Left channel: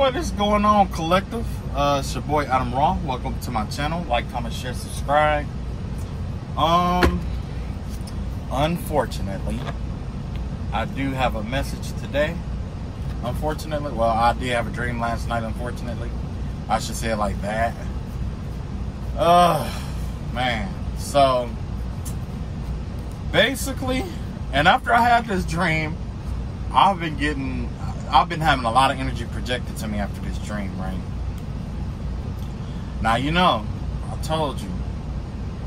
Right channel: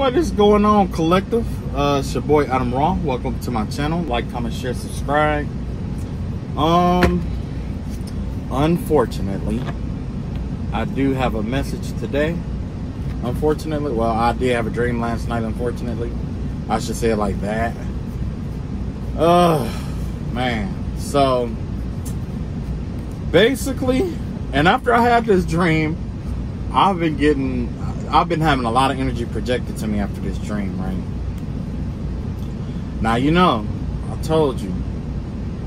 What is going on, collective? It's your boy ATUM-RA. Welcome to my channel. Like, comment, share, subscribe. Unfortunately, I do have a message today. Unfortunately, well, I did have a dream last night. Unfortunately, I should say it like that. Man. So basically, and after I had this dream, I've been having a lot of energy projected to me after this dream, right? Now, you know, I told you,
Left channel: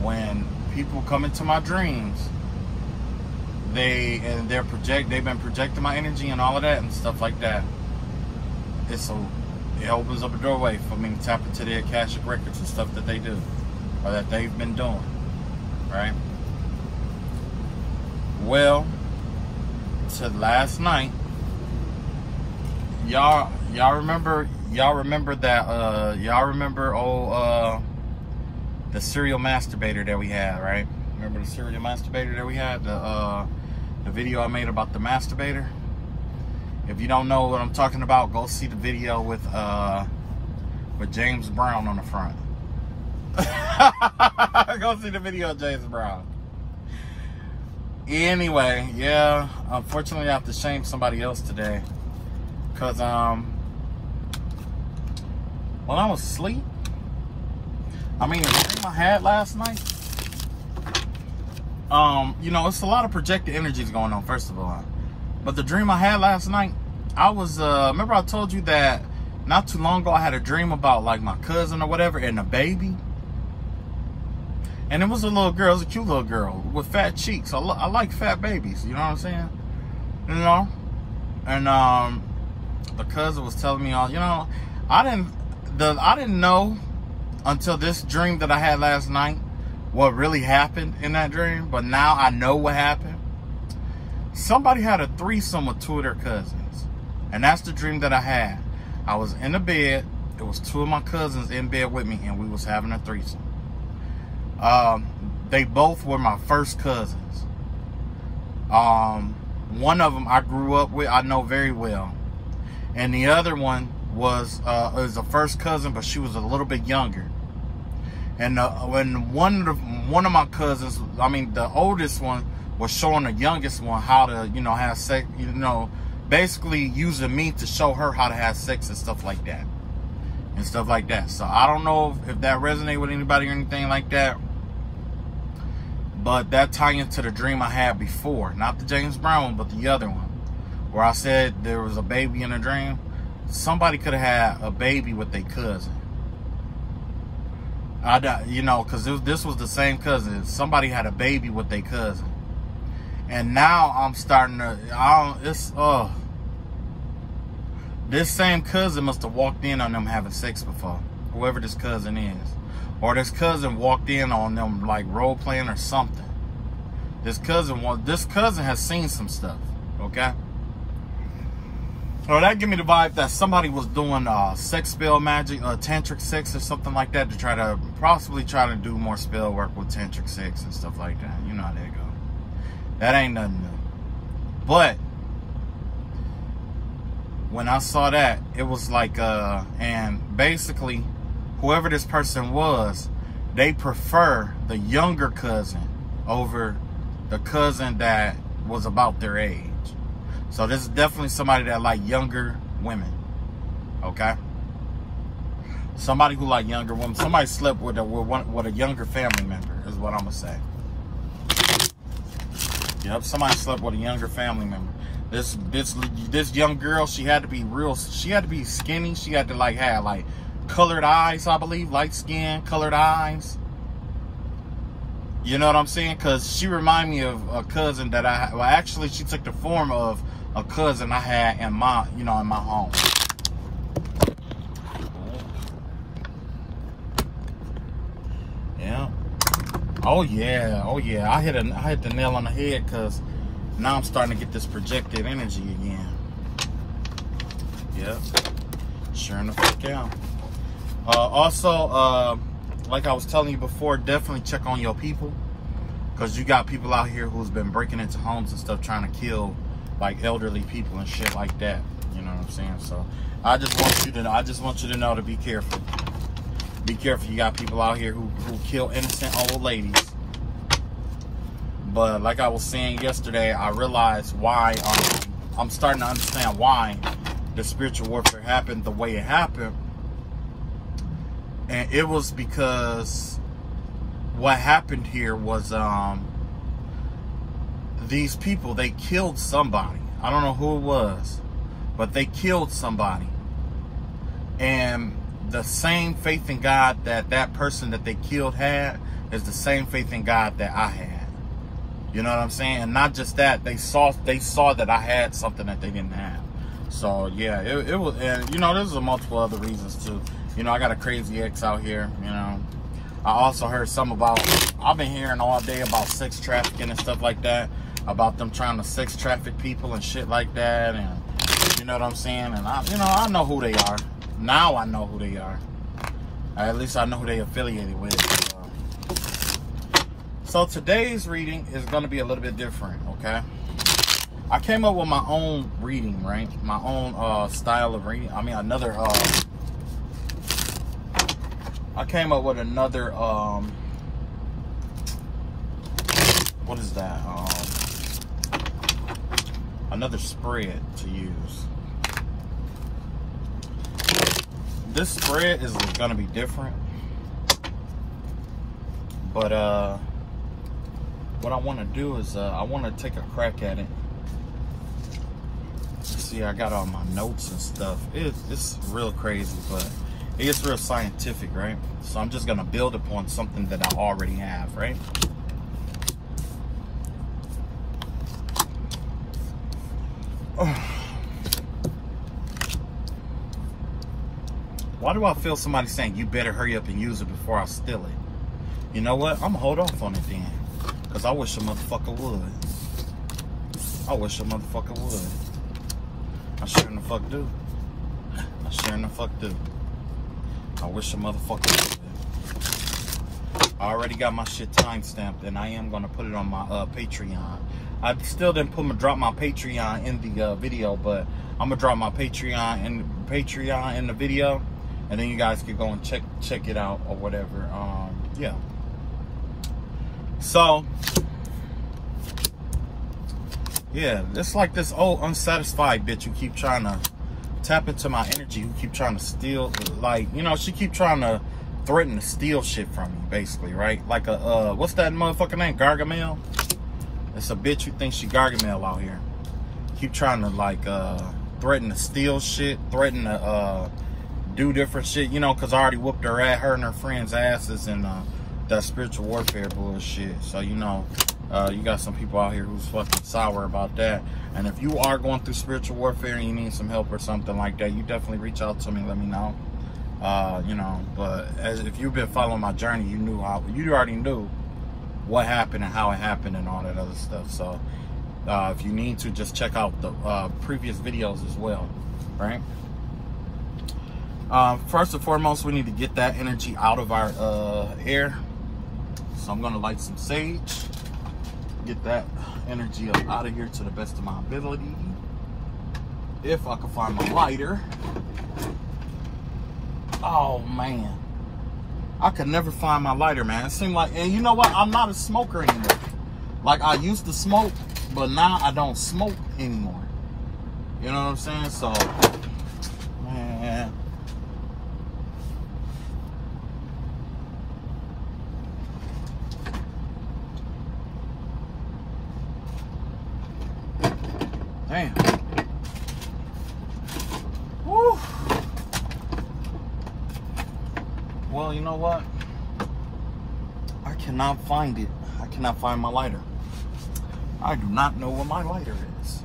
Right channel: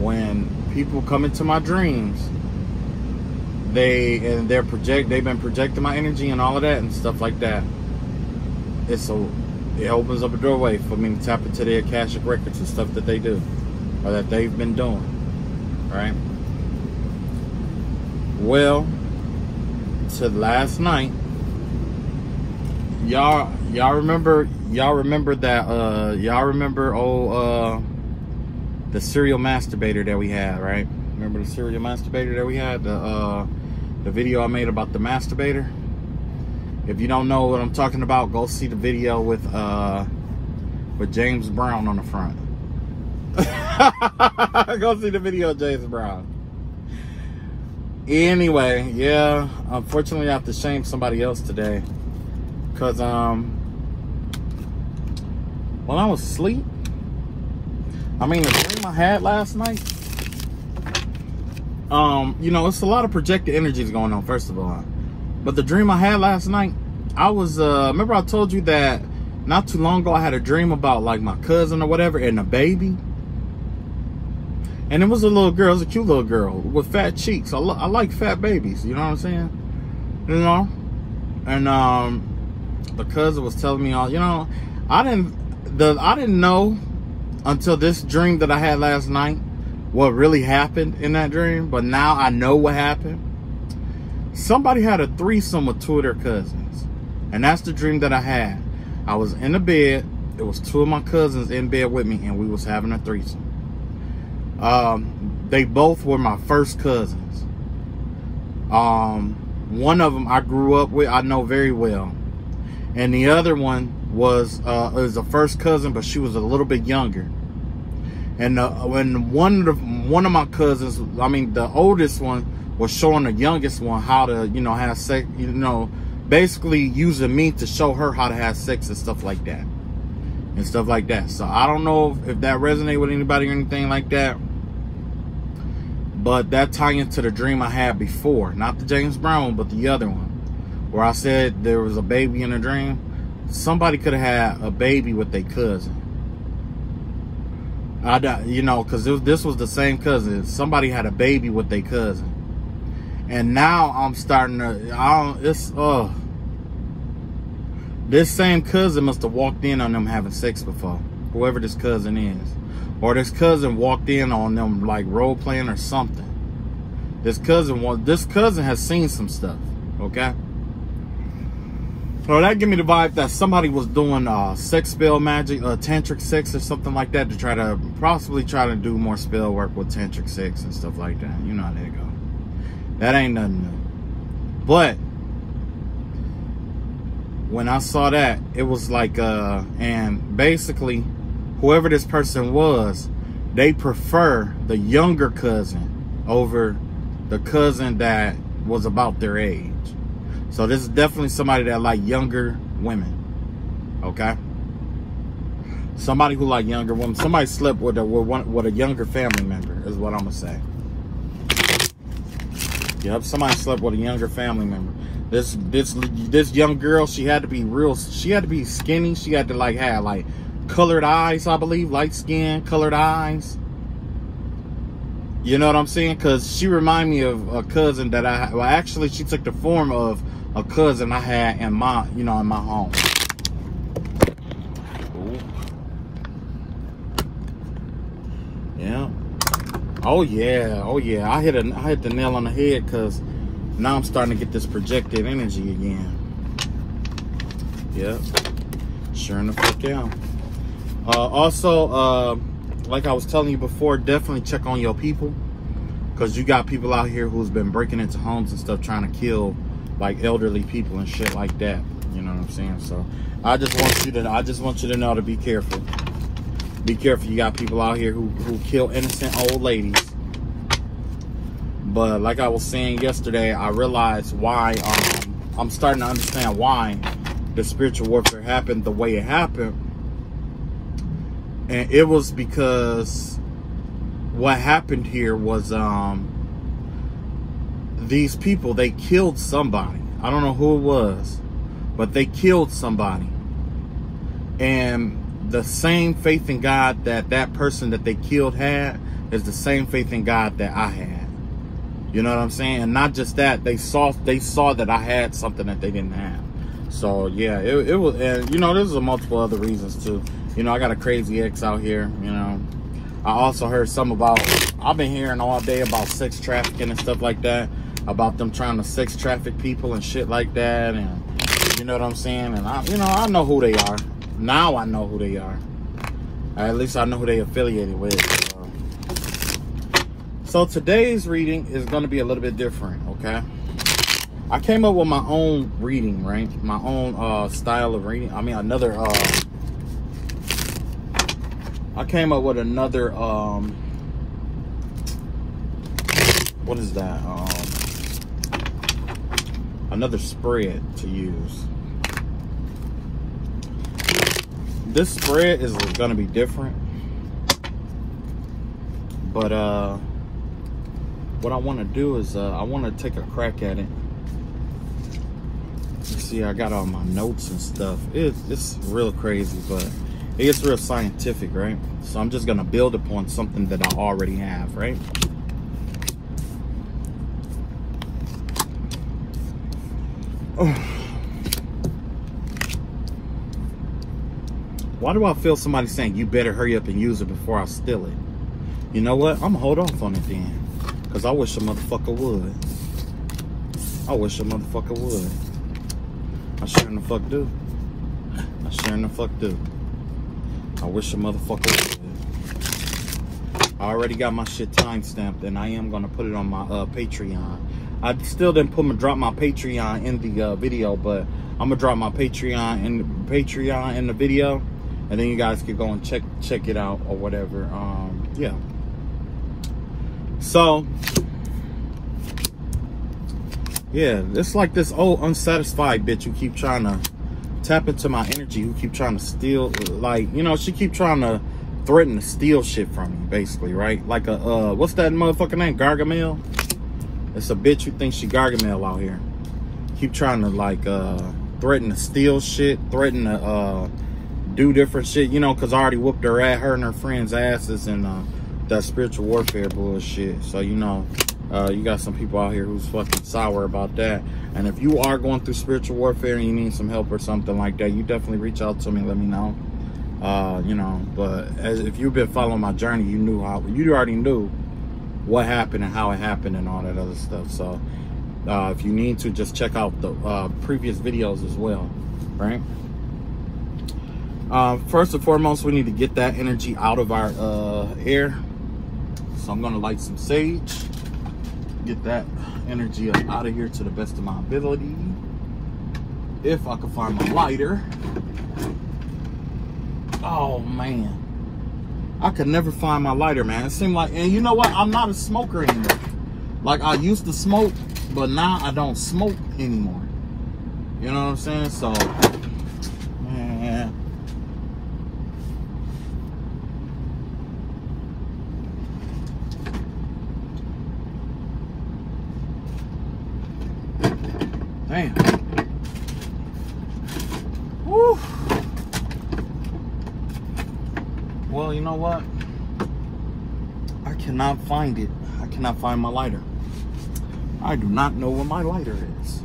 when people come into my dreams, they've been projecting my energy and all of that and stuff like that. It opens up a doorway for me to tap into their Akashic records and stuff that they do, or that they've been doing, right? Well, to last night, y'all remember the serial masturbator that we had, right? Remember the serial masturbator that we had, the video I made about the masturbator? If you don't know what I'm talking about, go see the video with James Brown on the front. Go see the video of James Brown. Anyway, yeah, unfortunately I have to shame somebody else today. Cause when I was asleep, I mean, the dream I had last night, you know, it's a lot of projected energies going on, first of all. But the dream I had last night, I was, remember I told you that not too long ago I had a dream about like my cousin or whatever and a baby? And it was a little girl, it was a cute little girl with fat cheeks. I like fat babies, you know what I'm saying? You know? And the cousin was telling me, you know, I didn't know until this dream that I had last night what really happened in that dream, but now I know what happened. Somebody had a threesome with two of their cousins, and that's the dream that I had. I was in the bed, it was two of my cousins in bed with me, and we was having a threesome. They both were my first cousins. One of them I grew up with, I know very well. And the other one was a first cousin, but she was a little bit younger. And when one of my cousins, I mean the oldest one, was showing the youngest one how to, you know, have sex, you know, basically using me to show her how to have sex and stuff like that. So I don't know if that resonated with anybody or anything like that. But that ties into the dream I had before. Not the James Brown one, but the other one. Where I said there was a baby in a dream. Somebody could have had a baby with their cousin. You know, because this was the same cousin. Somebody had a baby with their cousin. And now I'm starting to, this same cousin must have walked in on them having sex before. Whoever this cousin is. Or this cousin walked in on them like role playing or something. This cousin has seen some stuff, okay? So that give me the vibe that somebody was doing sex spell magic, tantric sex or something like that to possibly try to do more spell work with tantric sex and stuff like that. You know how that go. That ain't nothing new. But when I saw that, it was like, and basically, whoever this person was, they prefer the younger cousin over the cousin that was about their age. So this is definitely somebody that like younger women, okay? Somebody who like younger women. Somebody slept with a younger family member is what I'm gonna say. Yep, somebody slept with a younger family member. This young girl, she had to be skinny. She had to like have like colored eyes, I believe, light skin, colored eyes. You know what I'm saying? Because she reminded me of a cousin that well, actually, she took the form of a cousin I had in my, you know, in my home. Yeah. Oh yeah. Oh yeah. I hit the nail on the head because now I'm starting to get this projected energy again. Yeah. Sure enough, yeah. Also, like I was telling you before, definitely check on your people, because you got people out here who's been breaking into homes and stuff trying to kill like elderly people and shit like that. You know what I'm saying? So I just want you to know to be careful. Be careful. You got people out here who kill innocent old ladies. But like I was saying yesterday, I realized why. I'm starting to understand why the spiritual warfare happened the way it happened. And it was because what happened here was these people, they killed somebody. I don't know who it was, but they killed somebody. And the same faith in God that that person that they killed had is the same faith in God that I had. You know what I'm saying? And not just that, they saw that I had something that they didn't have. So yeah, it was, you know, there's multiple other reasons too. You know, I got a crazy ex out here, you know. I also heard something about, I've been hearing all day about sex trafficking and stuff like that, about them trying to sex traffic people and shit like that, and you know what I'm saying? And I know who they are. Now I know who they are. At least I know who they affiliated with. So today's reading is going to be a little bit different, okay? I came up with my own reading, right? My own style of reading. I mean, another, I came up with another, what is that? Another spread to use. This spread is going to be different. But, what I want to do is, I want to take a crack at it. See, I got all my notes and stuff. It's real crazy, but it's real scientific, right? So I'm just going to build upon something that I already have, right? Why do I feel somebody saying, you better hurry up and use it before I steal it? You know what? I'm going to hold off on it then. Because I wish a motherfucker would. I wish a motherfucker would. I sure in the fuck do. I sure in the fuck do. I wish a motherfucker would. I already got my shit timestamped, and I am going to put it on my Patreon. I still didn't drop my Patreon in the video, but I'm going to drop my Patreon in the video, and then you guys can go and check it out or whatever. Yeah. So, yeah, it's like this old unsatisfied bitch who keep trying to tap into my energy, who keep trying to steal, like, you know, she keep trying to threaten to steal shit from me, basically, right? Like a, what's that motherfucking name? Gargamel? It's a bitch who thinks she Gargamel out here. Keep trying to, like, threaten to steal shit, threaten to, do different shit, you know, because I already whooped her and her friends' asses and, that spiritual warfare bullshit. So, you know, you got some people out here who's fucking sour about that. And if you are going through spiritual warfare and you need some help or something like that, you definitely reach out to me, let me know. You know, but if you've been following my journey, you already knew what happened and how it happened and all that other stuff. So if you need to, just check out the previous videos as well, right? First and foremost, we need to get that energy out of our air. So I'm gonna light some sage, get that energy up out of here to the best of my ability. If I can find my lighter. Oh man, I could never find my lighter, man. It seemed like, and you know what? I'm not a smoker anymore. Like, I used to smoke, but now I don't smoke anymore. You know what I'm saying? So, man. Damn. Woo. Well, you know what? I cannot find it. I cannot find my lighter. I do not know where my lighter is.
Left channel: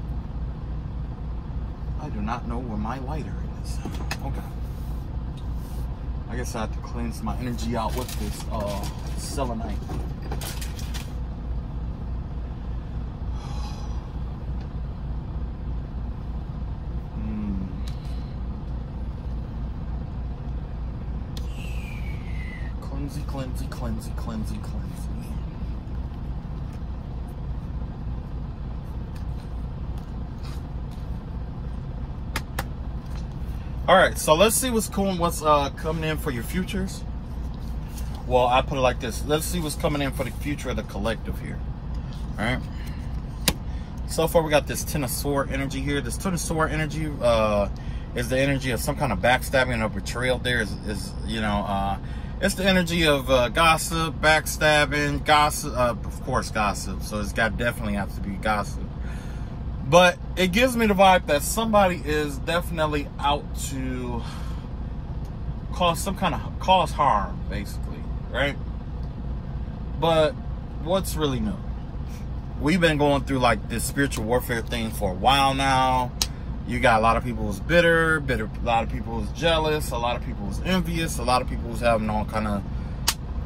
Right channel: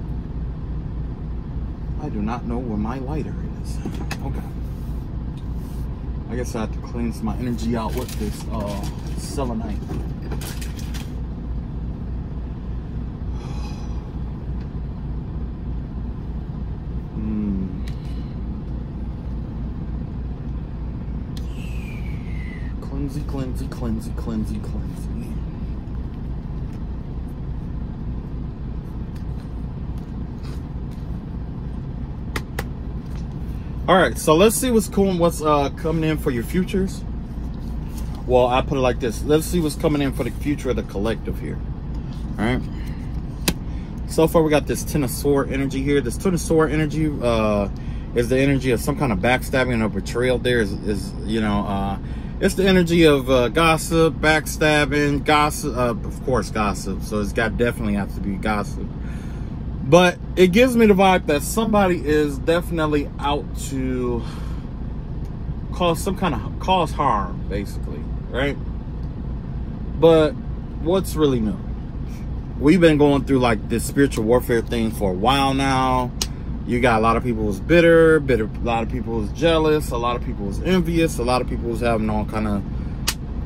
I do not know where my lighter is. Okay. I guess I have to cleanse my energy out with this selenite. Cleansy. All right, so let's see what's cool and what's coming in for your futures. Well, I put it like this. Let's see what's coming in for the future of the collective here. All right. So far, we got this Ten of Swords energy here. This Ten of Swords energy is the energy of some kind of backstabbing or betrayal. There is you know, it's the energy of gossip, backstabbing, gossip, of course, gossip. So it's got definitely have to be gossip. But it gives me the vibe that somebody is definitely out to cause some kind of harm, basically, right? But what's really new? We've been going through like this spiritual warfare thing for a while now. You got a lot of people who's bitter, a lot of people who's jealous, a lot of people who's envious, a lot of people who's having all kind of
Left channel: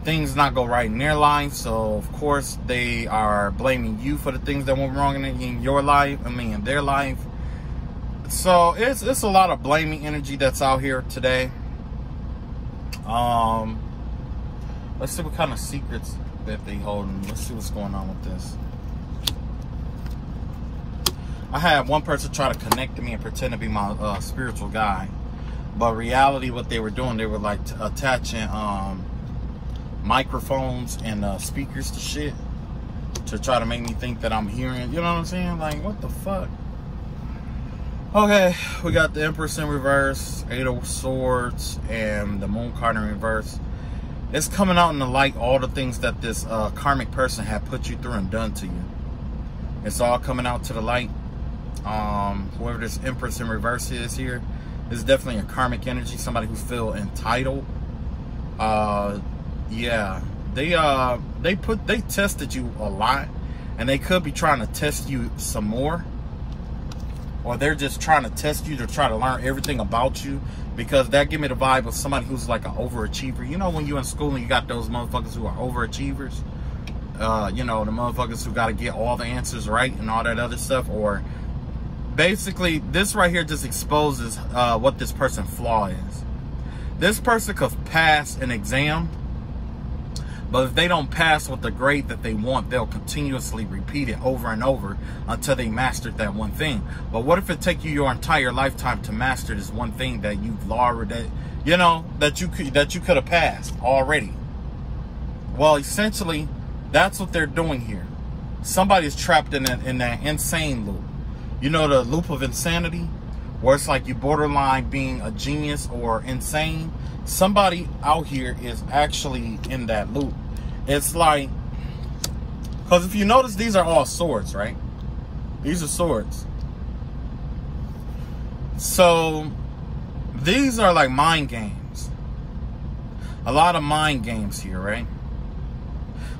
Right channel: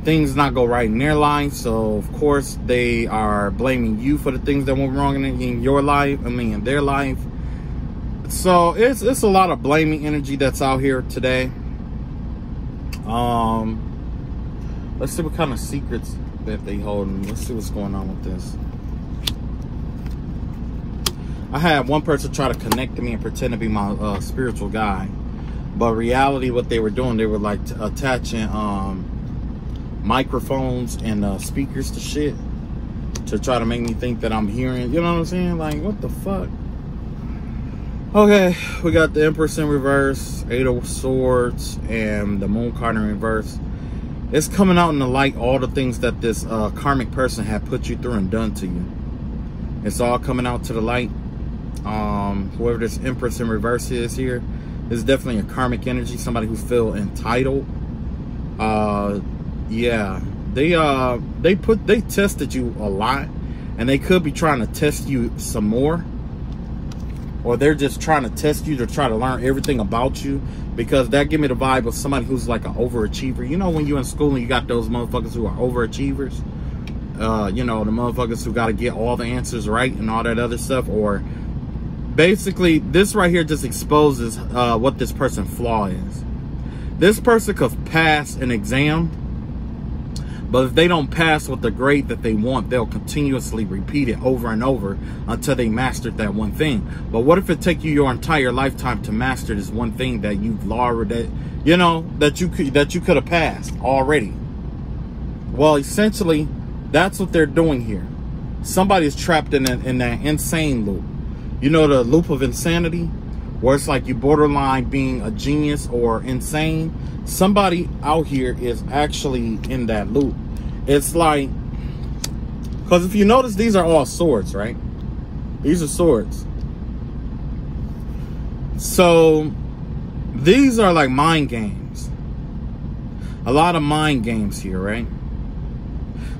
things not go right in their life. So of course they are blaming you for the things that went wrong in your life, in their life. So it's a lot of blaming energy that's out here today. Let's see what kind of secrets that they hold. Let's see what's going on with this. I had one person try to connect to me and pretend to be my spiritual guy, but reality, what they were doing, they were like attaching microphones and speakers to shit to try to make me think that I'm hearing. You know what I'm saying? Like, what the fuck? Okay, we got the Empress in reverse, Eight of Swords, and the Moon card in reverse. It's coming out in the light, all the things that this karmic person had put you through and done to you. It's all coming out to the light. Whoever this Empress in reverse is here, is definitely a karmic energy, somebody who feel entitled. Yeah, they tested you a lot, and they could be trying to test you some more, or they're just trying to test you to try to learn everything about you, because that give me the vibe of somebody who's like an overachiever. You know, when you in school and you got those motherfuckers who are overachievers, you know, the motherfuckers who got to get all the answers right and all that other stuff. Or basically this right here just exposes what this person's flaw is. This person could pass an exam, but if they don't pass with the grade that they want, they'll continuously repeat it over and over until they mastered that one thing. But what if it take you your entire lifetime to master this one thing that you've already, you know, that you could have passed already? Well, essentially, that's what they're doing here. Somebody's trapped in that insane loop. You know, the loop of insanity, where it's like you borderline being a genius or insane. Somebody out here is actually in that loop. It's like, because if you notice, these are all swords, right? These are swords. So these are like mind games. A lot of mind games here, right?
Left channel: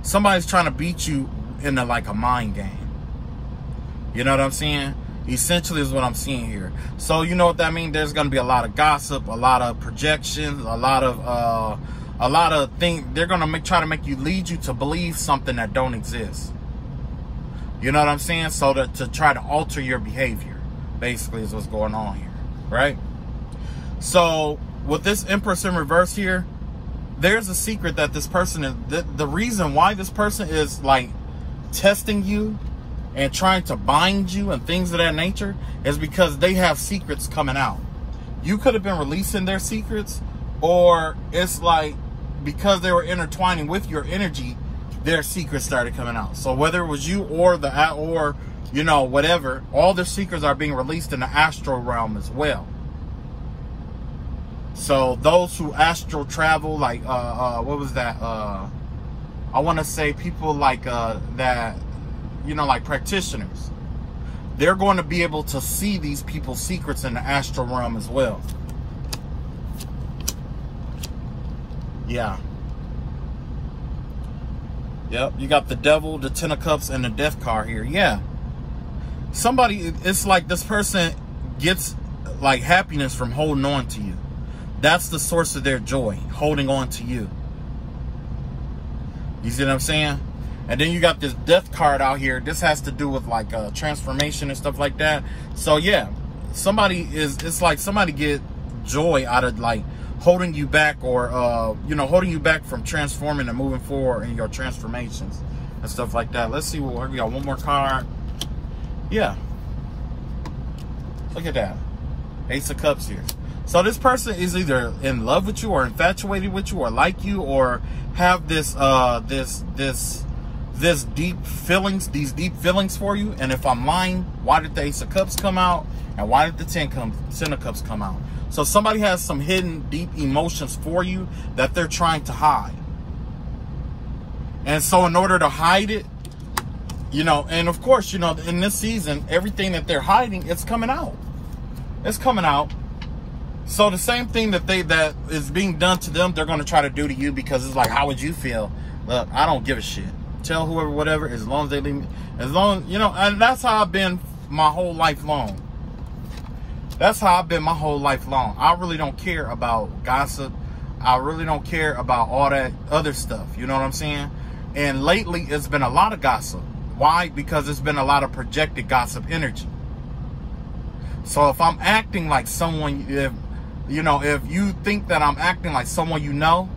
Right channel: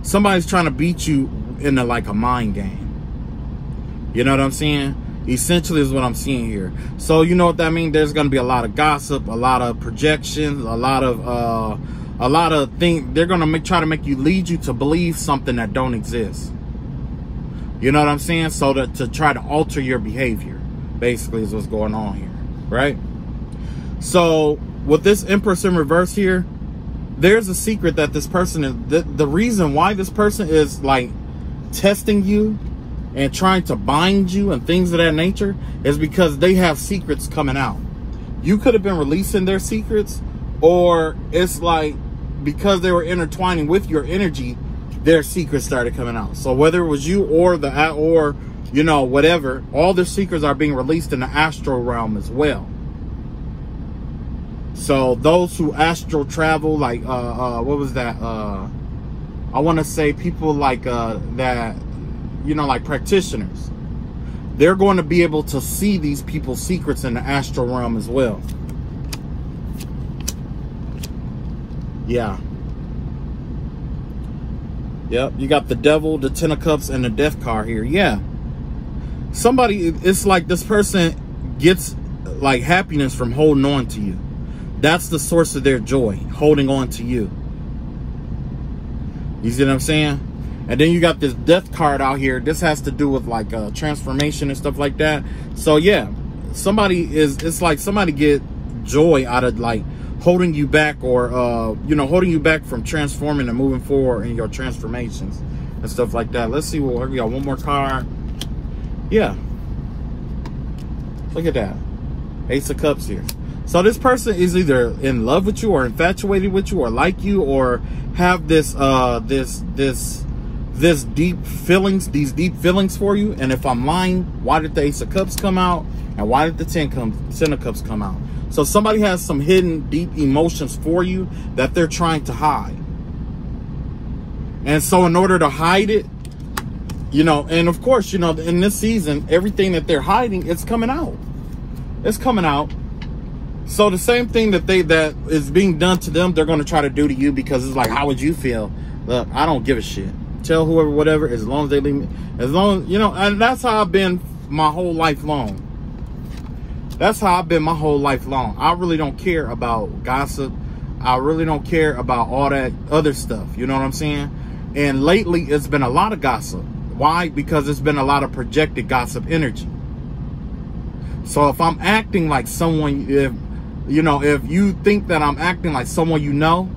Somebody's trying to beat you into like a mind game. You know what I'm saying? Essentially is what I'm seeing here. So you know what that means? There's going to be a lot of gossip, a lot of projections, a lot of things. They're going to try to make you, lead you to believe something that don't exist. You know what I'm saying? So that to try to alter your behavior, basically, is what's going on here, right? So with this Empress in reverse here, there's a secret that this person is, the reason why this person is like testing you and trying to bind you and things of that nature is because they have secrets coming out. You could have been releasing their secrets, or it's like because they were intertwining with your energy, their secrets started coming out. So whether it was you or you know, whatever, all their secrets are being released in the astral realm as well. So those who astral travel, like what was that? I want to say people like that, you know, like practitioners. They're going to be able to see these people's secrets in the astral realm as well. Yeah. Yep, you got the Devil, the Ten of Cups, and the Death card here. Yeah. Somebody, it's like this person gets like happiness from holding on to you. That's the source of their joy, holding on to you. You see what I'm saying? And then you got this Death card out here. This has to do with like transformation and stuff like that. So yeah, it's like somebody get joy out of like holding you back, or you know, holding you back from transforming and moving forward in your transformations and stuff like that. Let's see what we got. One more card. Yeah. Look at that. Ace of Cups here. So this person is either in love with you or infatuated with you or like you or have this these deep feelings for you. And if I'm lying, why did the Ace of Cups come out? And why did the Ten of Cups come out? So somebody has some hidden deep emotions for you that they're trying to hide. And so in order to hide it, you know, and of course, you know, in this season, everything that they're hiding, it's coming out. It's coming out. So the same thing that is being done to them, they're going to try to do to you, because it's like, how would you feel? Look, I don't give a shit. Tell whoever, whatever, as long as they leave me, as long, you know, and that's how I've been my whole life long. That's how I've been my whole life long. I really don't care about gossip. I really don't care about all that other stuff. You know what I'm saying? And lately, it's been a lot of gossip. Why? Because it's been a lot of projected gossip energy. So if I'm acting like someone, if you think that I'm acting like someone you know,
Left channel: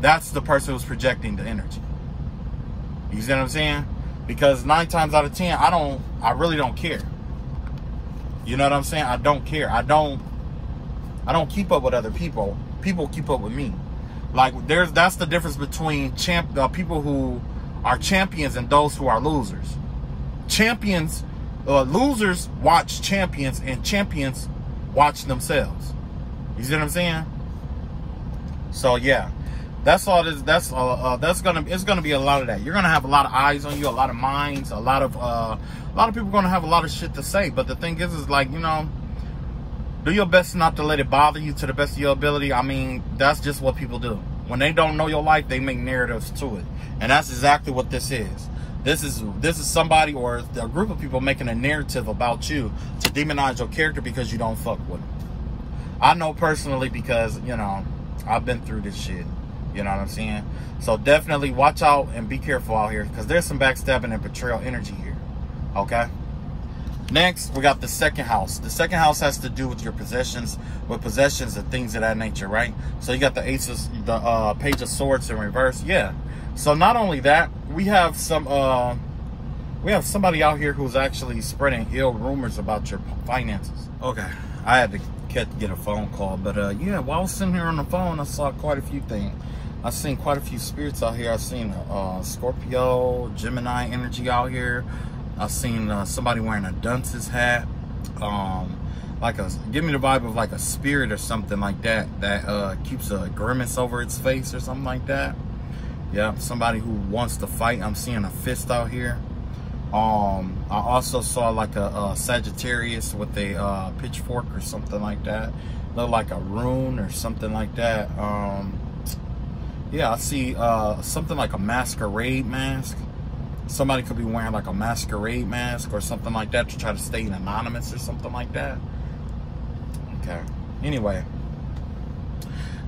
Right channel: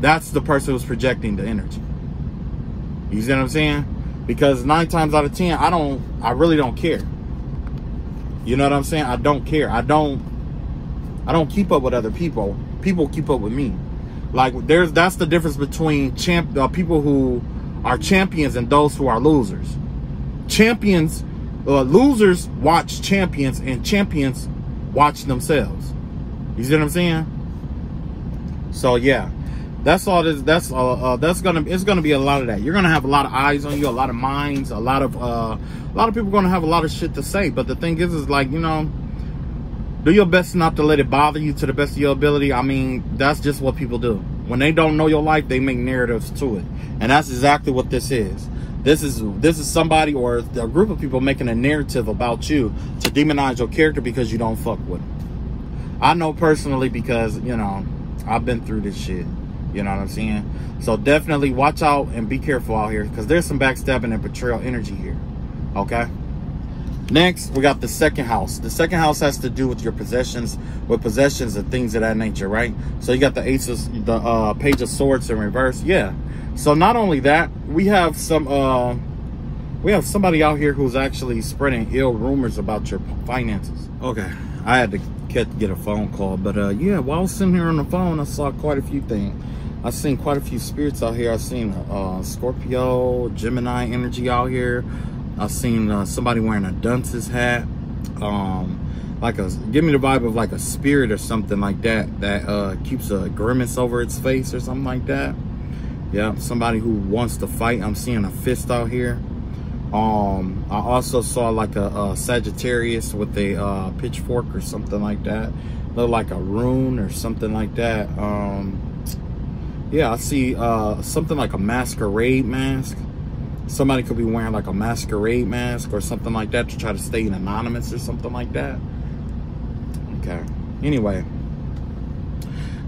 that's the person who's projecting the energy. You see what I'm saying? Because 9 times out of 10, I really don't care. You know what I'm saying? I don't care. I don't keep up with other people. People keep up with me. Like that's the difference between people who are champions and those who are losers. Losers watch champions, and champions watch themselves. You see what I'm saying? So yeah, that's all. It's gonna be a lot of that. You're gonna have a lot of eyes on you, a lot of minds, a lot of people are gonna have a lot of shit to say. But the thing is like, you know, do your best not to let it bother you to the best of your ability. I mean, that's just what people do. When they don't know your life, they make narratives to it. And that's exactly what this is. This is somebody or a group of people making a narrative about you to demonize your character because you don't fuck with them. I know personally because, you know, I've been through this shit. You know what I'm saying? So definitely watch out and be careful out here, because there's some backstabbing and betrayal energy here. Okay? Next, we got the second house. The second house has to do with your possessions, and things of that nature, right? So you got the Page of Swords in reverse. Yeah. So not only that, we have somebody out here who's actually spreading ill rumors about your finances. Okay, I had to get a phone call, but yeah, while I was sitting here on the phone, I saw quite a few things. I've seen quite a few spirits out here. I've seen Scorpio, Gemini energy out here. I've seen somebody wearing a dunce's hat, give me the vibe of like a spirit or something like that keeps a grimace over its face or something like that. Yeah, somebody who wants to fight. I'm seeing a fist out here. I also saw like a Sagittarius with a pitchfork or something like that. Look like a rune or something like that. Yeah, I see something like a masquerade mask. Somebody could be wearing like a masquerade mask or something like that to try to stay anonymous or something like that. Okay. Anyway.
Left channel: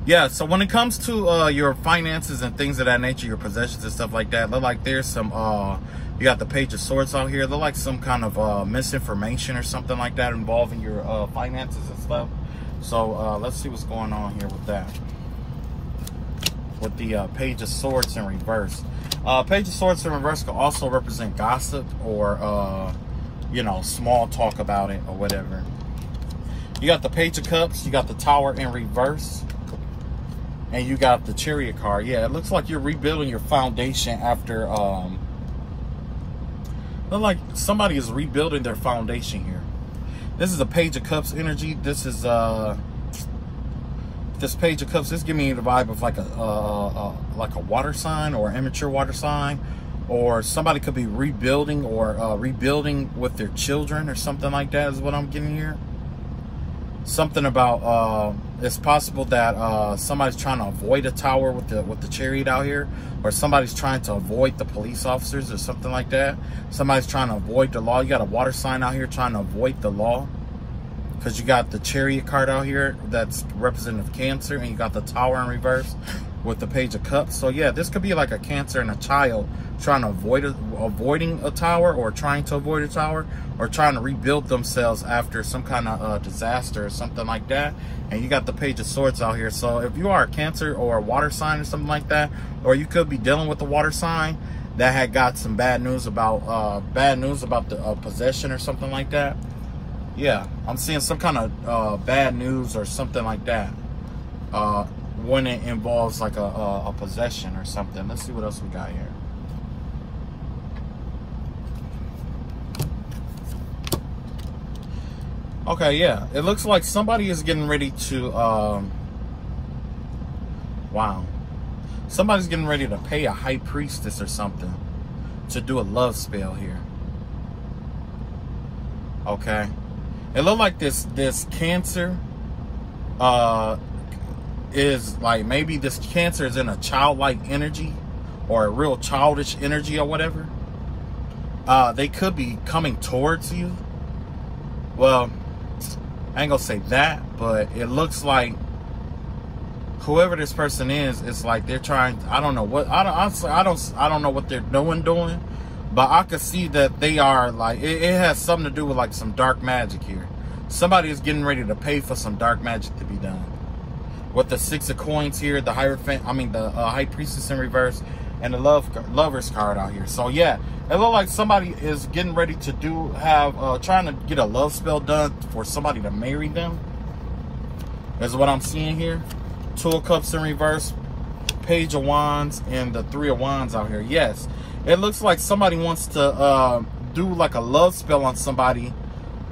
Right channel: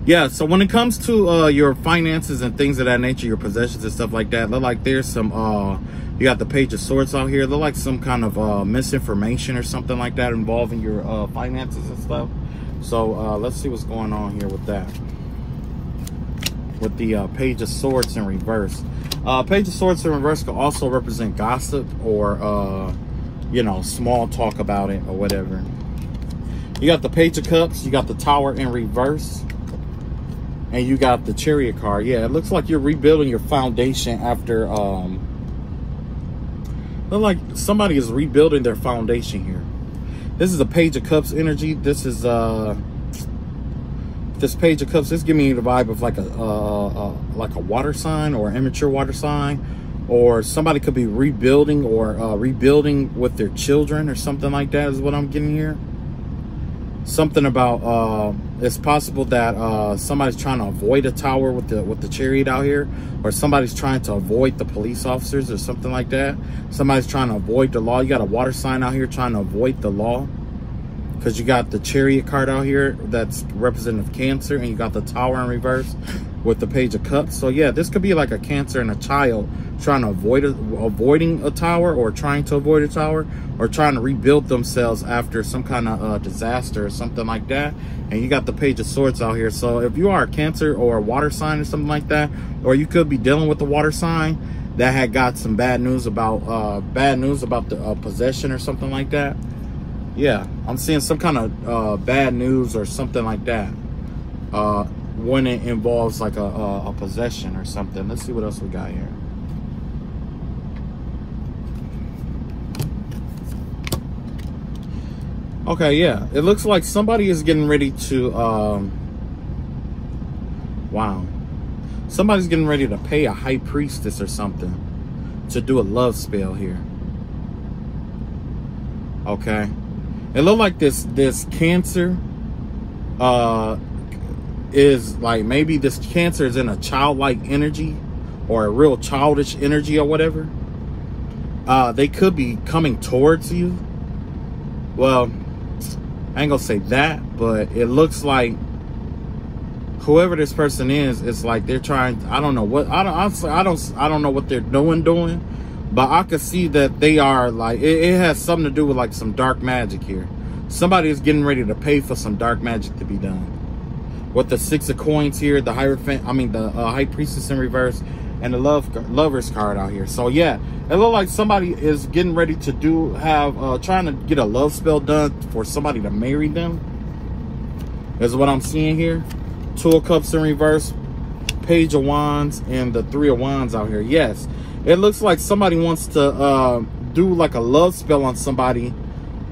Yeah, so when it comes to your finances and things of that nature, your possessions and stuff like that, look like there's some, you got the Page of Swords out here. Look like some kind of misinformation or something like that involving your finances and stuff. So let's see what's going on here with that. With the Page of Swords in reverse. Page of Swords in reverse could also represent gossip or, you know, small talk about it or whatever. You got the Page of Cups. You got the Tower in reverse. And you got the Chariot card. Yeah, it looks like you're rebuilding your foundation after, look like somebody is rebuilding their foundation here. This is a Page of Cups energy. This is, this Page of Cups, this gives me the vibe of like a water sign or an immature water sign. Or somebody could be rebuilding or rebuilding with their children or something like that is what I'm getting here. Something about it's possible that somebody's trying to avoid a tower with the Chariot out here, or somebody's trying to avoid the police officers or something like that. Somebody's trying to avoid the law. You got a water sign out here trying to avoid the law, because you got the Chariot card out here that's representative of Cancer, and you got the Tower in reverse with the Page of Cups. So yeah, this could be like a Cancer and a child trying to avoiding a tower, or trying to avoid a tower, or trying to rebuild themselves after some kind of disaster or something like that. And you got the Page of Swords out here. So if you are a Cancer or a water sign or something like that, or you could be dealing with the water sign that had got some bad news about the possession or something like that. Yeah, I'm seeing some kind of bad news or something like that when it involves like a possession or something. Let's see what else we got here. Okay, yeah, it looks like somebody is getting ready to wow, somebody's getting ready to pay a high priestess or something to do a love spell here. Okay, it looked like this Cancer is like, maybe this Cancer is in a childlike energy or a real childish energy or whatever. They could be coming towards you. Well, I ain't gonna say that, but it looks like whoever this person is, it's like they're trying. I don't know what. I don't know what they're doing, but I could see that they are like. It has something to do with like some dark magic here. Somebody is getting ready to pay for some dark magic to be done. With the 6 of coins here, the Hierophant, I mean the High Priestess in reverse, and the Lovers card out here. So yeah, it looks like somebody is getting ready to trying to get a love spell done for somebody to marry them. Is what I'm seeing here. 2 of Cups in reverse, Page of Wands, and the 3 of Wands out here. Yes, it looks like somebody wants to do like a love spell on somebody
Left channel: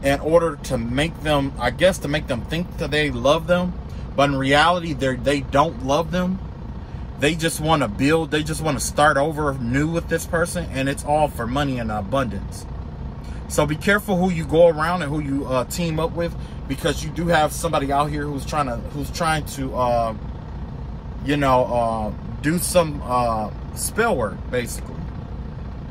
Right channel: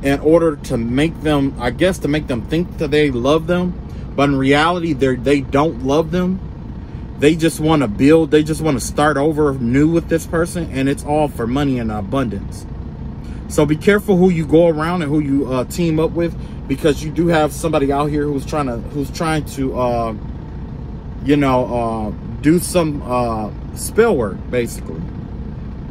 in order to make them, I guess, to make them think that they love them. But in reality, they don't love them. They just want to build. They just want to start over new with this person. And it's all for money and abundance. So be careful who you go around and who you team up with. Because you do have somebody out here who's trying to you know, do some spell work, basically.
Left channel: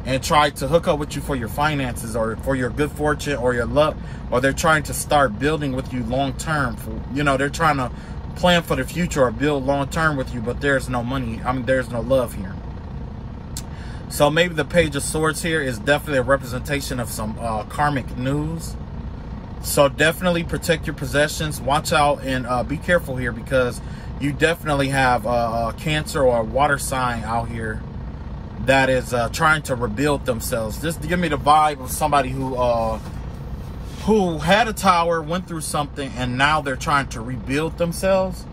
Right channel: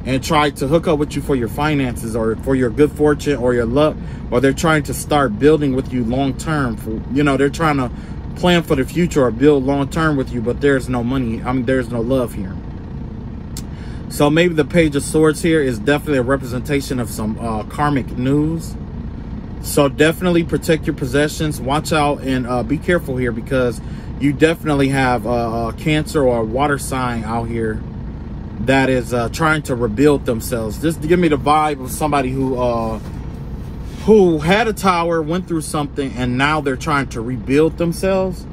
And try to hook up with you for your finances or for your good fortune or your luck. Or they're trying to start building with you long term. You know, they're trying to plan for the future or build long term with you, but there's no money. I mean, there's no love here. So maybe the Page of Swords here is definitely a representation of some karmic news. So definitely protect your possessions. Watch out and be careful here, because you definitely have a Cancer or a water sign out here that is trying to rebuild themselves. This give me the vibe of somebody who had a tower, went through something, and now they're trying to rebuild themselves,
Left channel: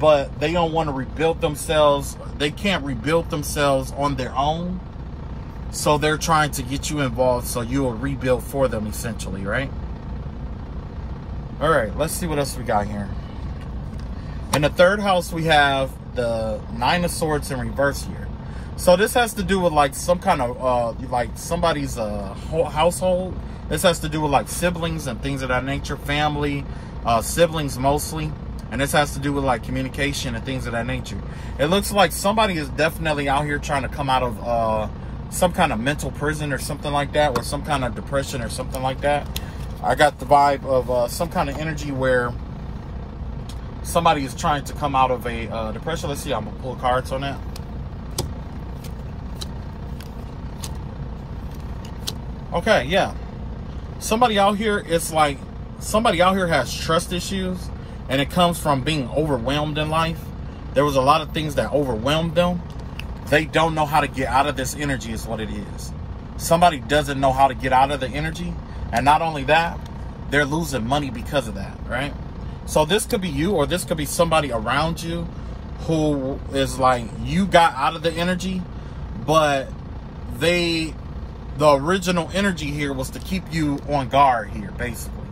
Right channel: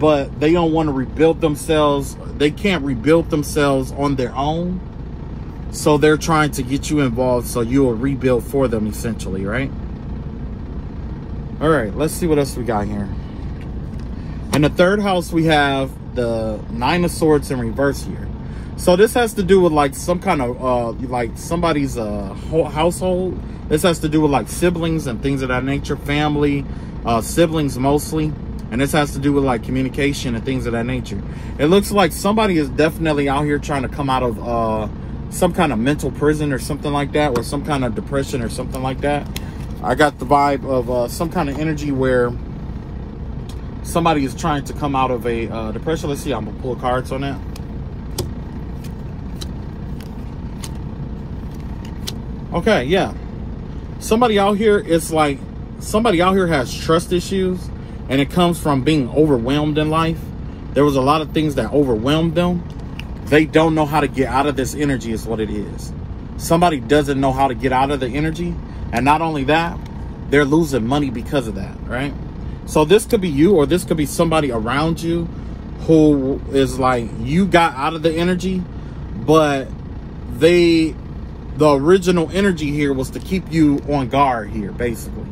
but they don't want to rebuild themselves. They can't rebuild themselves on their own. So they're trying to get you involved so you'll rebuild for them, essentially, right? All right, let's see what else we got here. In the 3rd house, we have the 9 of Swords in reverse here. So this has to do with like some kind of like somebody's household. This has to do with like siblings and things of that nature, family, siblings mostly. And this has to do with like communication and things of that nature. It looks like somebody is definitely out here trying to come out of some kind of mental prison or something like that, or some kind of depression or something like that. I got the vibe of some kind of energy where somebody is trying to come out of a depression. Let's see, I'm gonna pull cards on that. Okay, yeah. Somebody out here, it's like somebody out here has trust issues, and it comes from being overwhelmed in life. There was a lot of things that overwhelmed them. They don't know how to get out of this energy is what it is. Somebody doesn't know how to get out of the energy. And not only that, they're losing money because of that, right? So this could be you, or this could be somebody around you who is like, you got out of the energy, but the original energy here was to keep you on guard here, basically.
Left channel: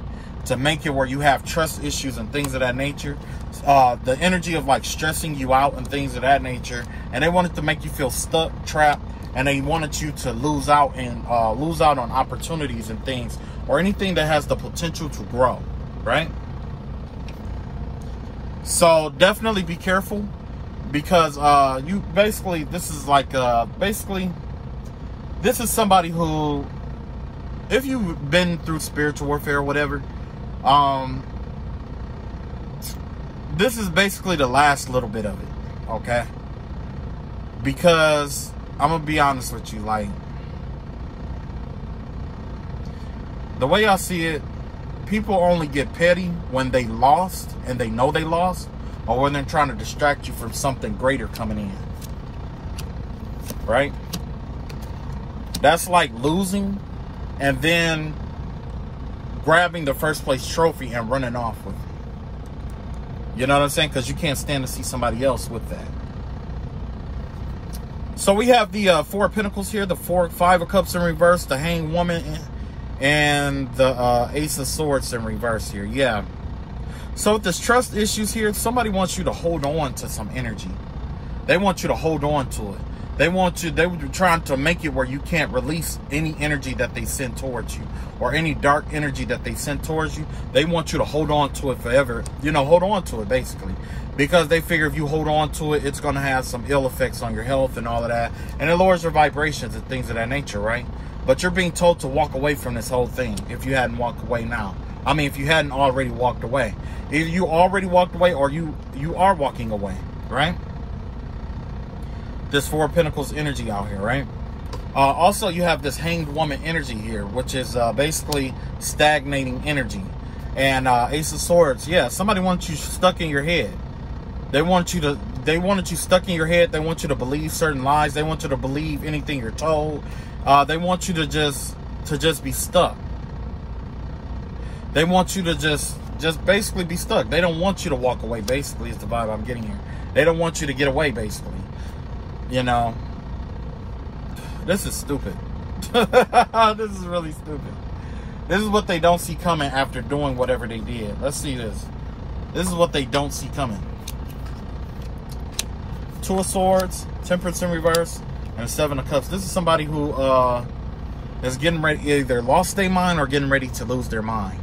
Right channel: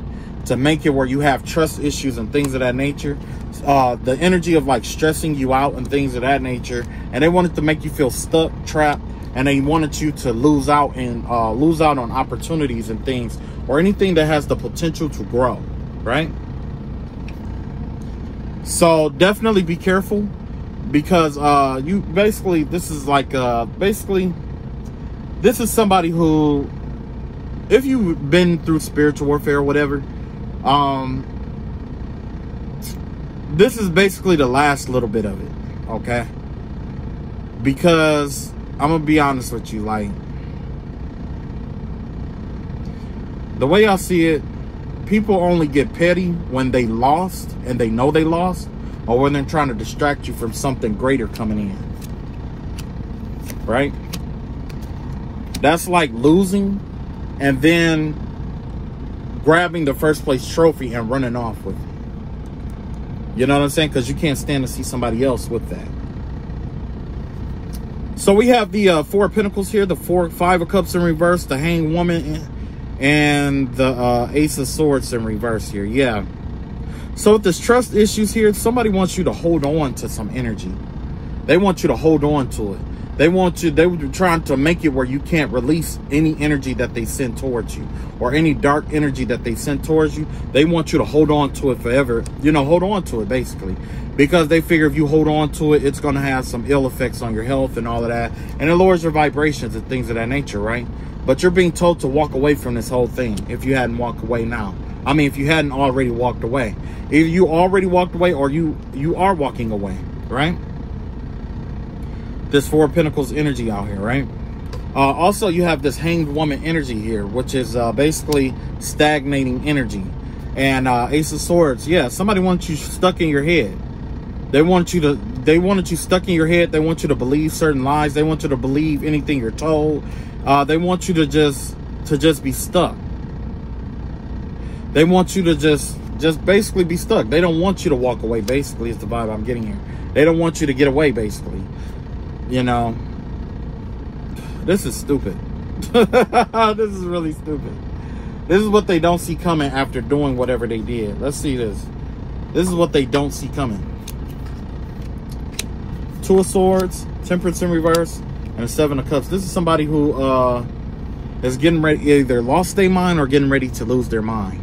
To make it where you have trust issues and things of that nature. The energy of like stressing you out and things of that nature. And they wanted to make you feel stuck, trapped. And they wanted you to lose out and lose out on opportunities and things, or anything that has the potential to grow, right? So definitely be careful, because you basically, this is like basically, this is somebody who, if you've been through spiritual warfare or whatever, this is basically the last little bit of it, okay? Because I'm gonna be honest with you, like, the way I see it, people only get petty when they lost and they know they lost, or when they're trying to distract you from something greater coming in, right? That's like losing and then grabbing the first place trophy and running off with it. You know what I'm saying? Because you can't stand to see somebody else with that. So we have the Four of Pentacles here, the Five of Cups in reverse, the Hanged Woman, and the Ace of Swords in reverse here. Yeah. So with this trust issues here, somebody wants you to hold on to some energy. They want you to hold on to it. They were trying to make it where you can't release any energy that they send towards you, or any dark energy that they send towards you. They want you to hold on to it forever. You know, hold on to it basically, because they figure if you hold on to it, it's going to have some ill effects on your health and all of that. And it lowers your vibrations and things of that nature, right? But you're being told to walk away from this whole thing if you hadn't walked away now. I mean, if you hadn't already walked away. Either you already walked away or you are walking away, right? This Four of Pentacles energy out here, right? Also, you have this Hanged Woman energy here, which is basically stagnating energy. And Ace of Swords, yeah, somebody wants you stuck in your head. They wanted you stuck in your head. They want you to believe certain lies. They want you to believe anything you're told. They want you to just be stuck. They want you to just basically be stuck. They don't want you to walk away, basically, is the vibe I'm getting here. They don't want you to get away, basically. You know, this is stupid. This is really stupid. This is what they don't see coming after doing whatever they did. Let's see this. This is what they don't see coming. Two of Swords, Temperance in reverse, and Seven of Cups. This is somebody who is getting ready, either lost their mind or getting ready to lose their mind.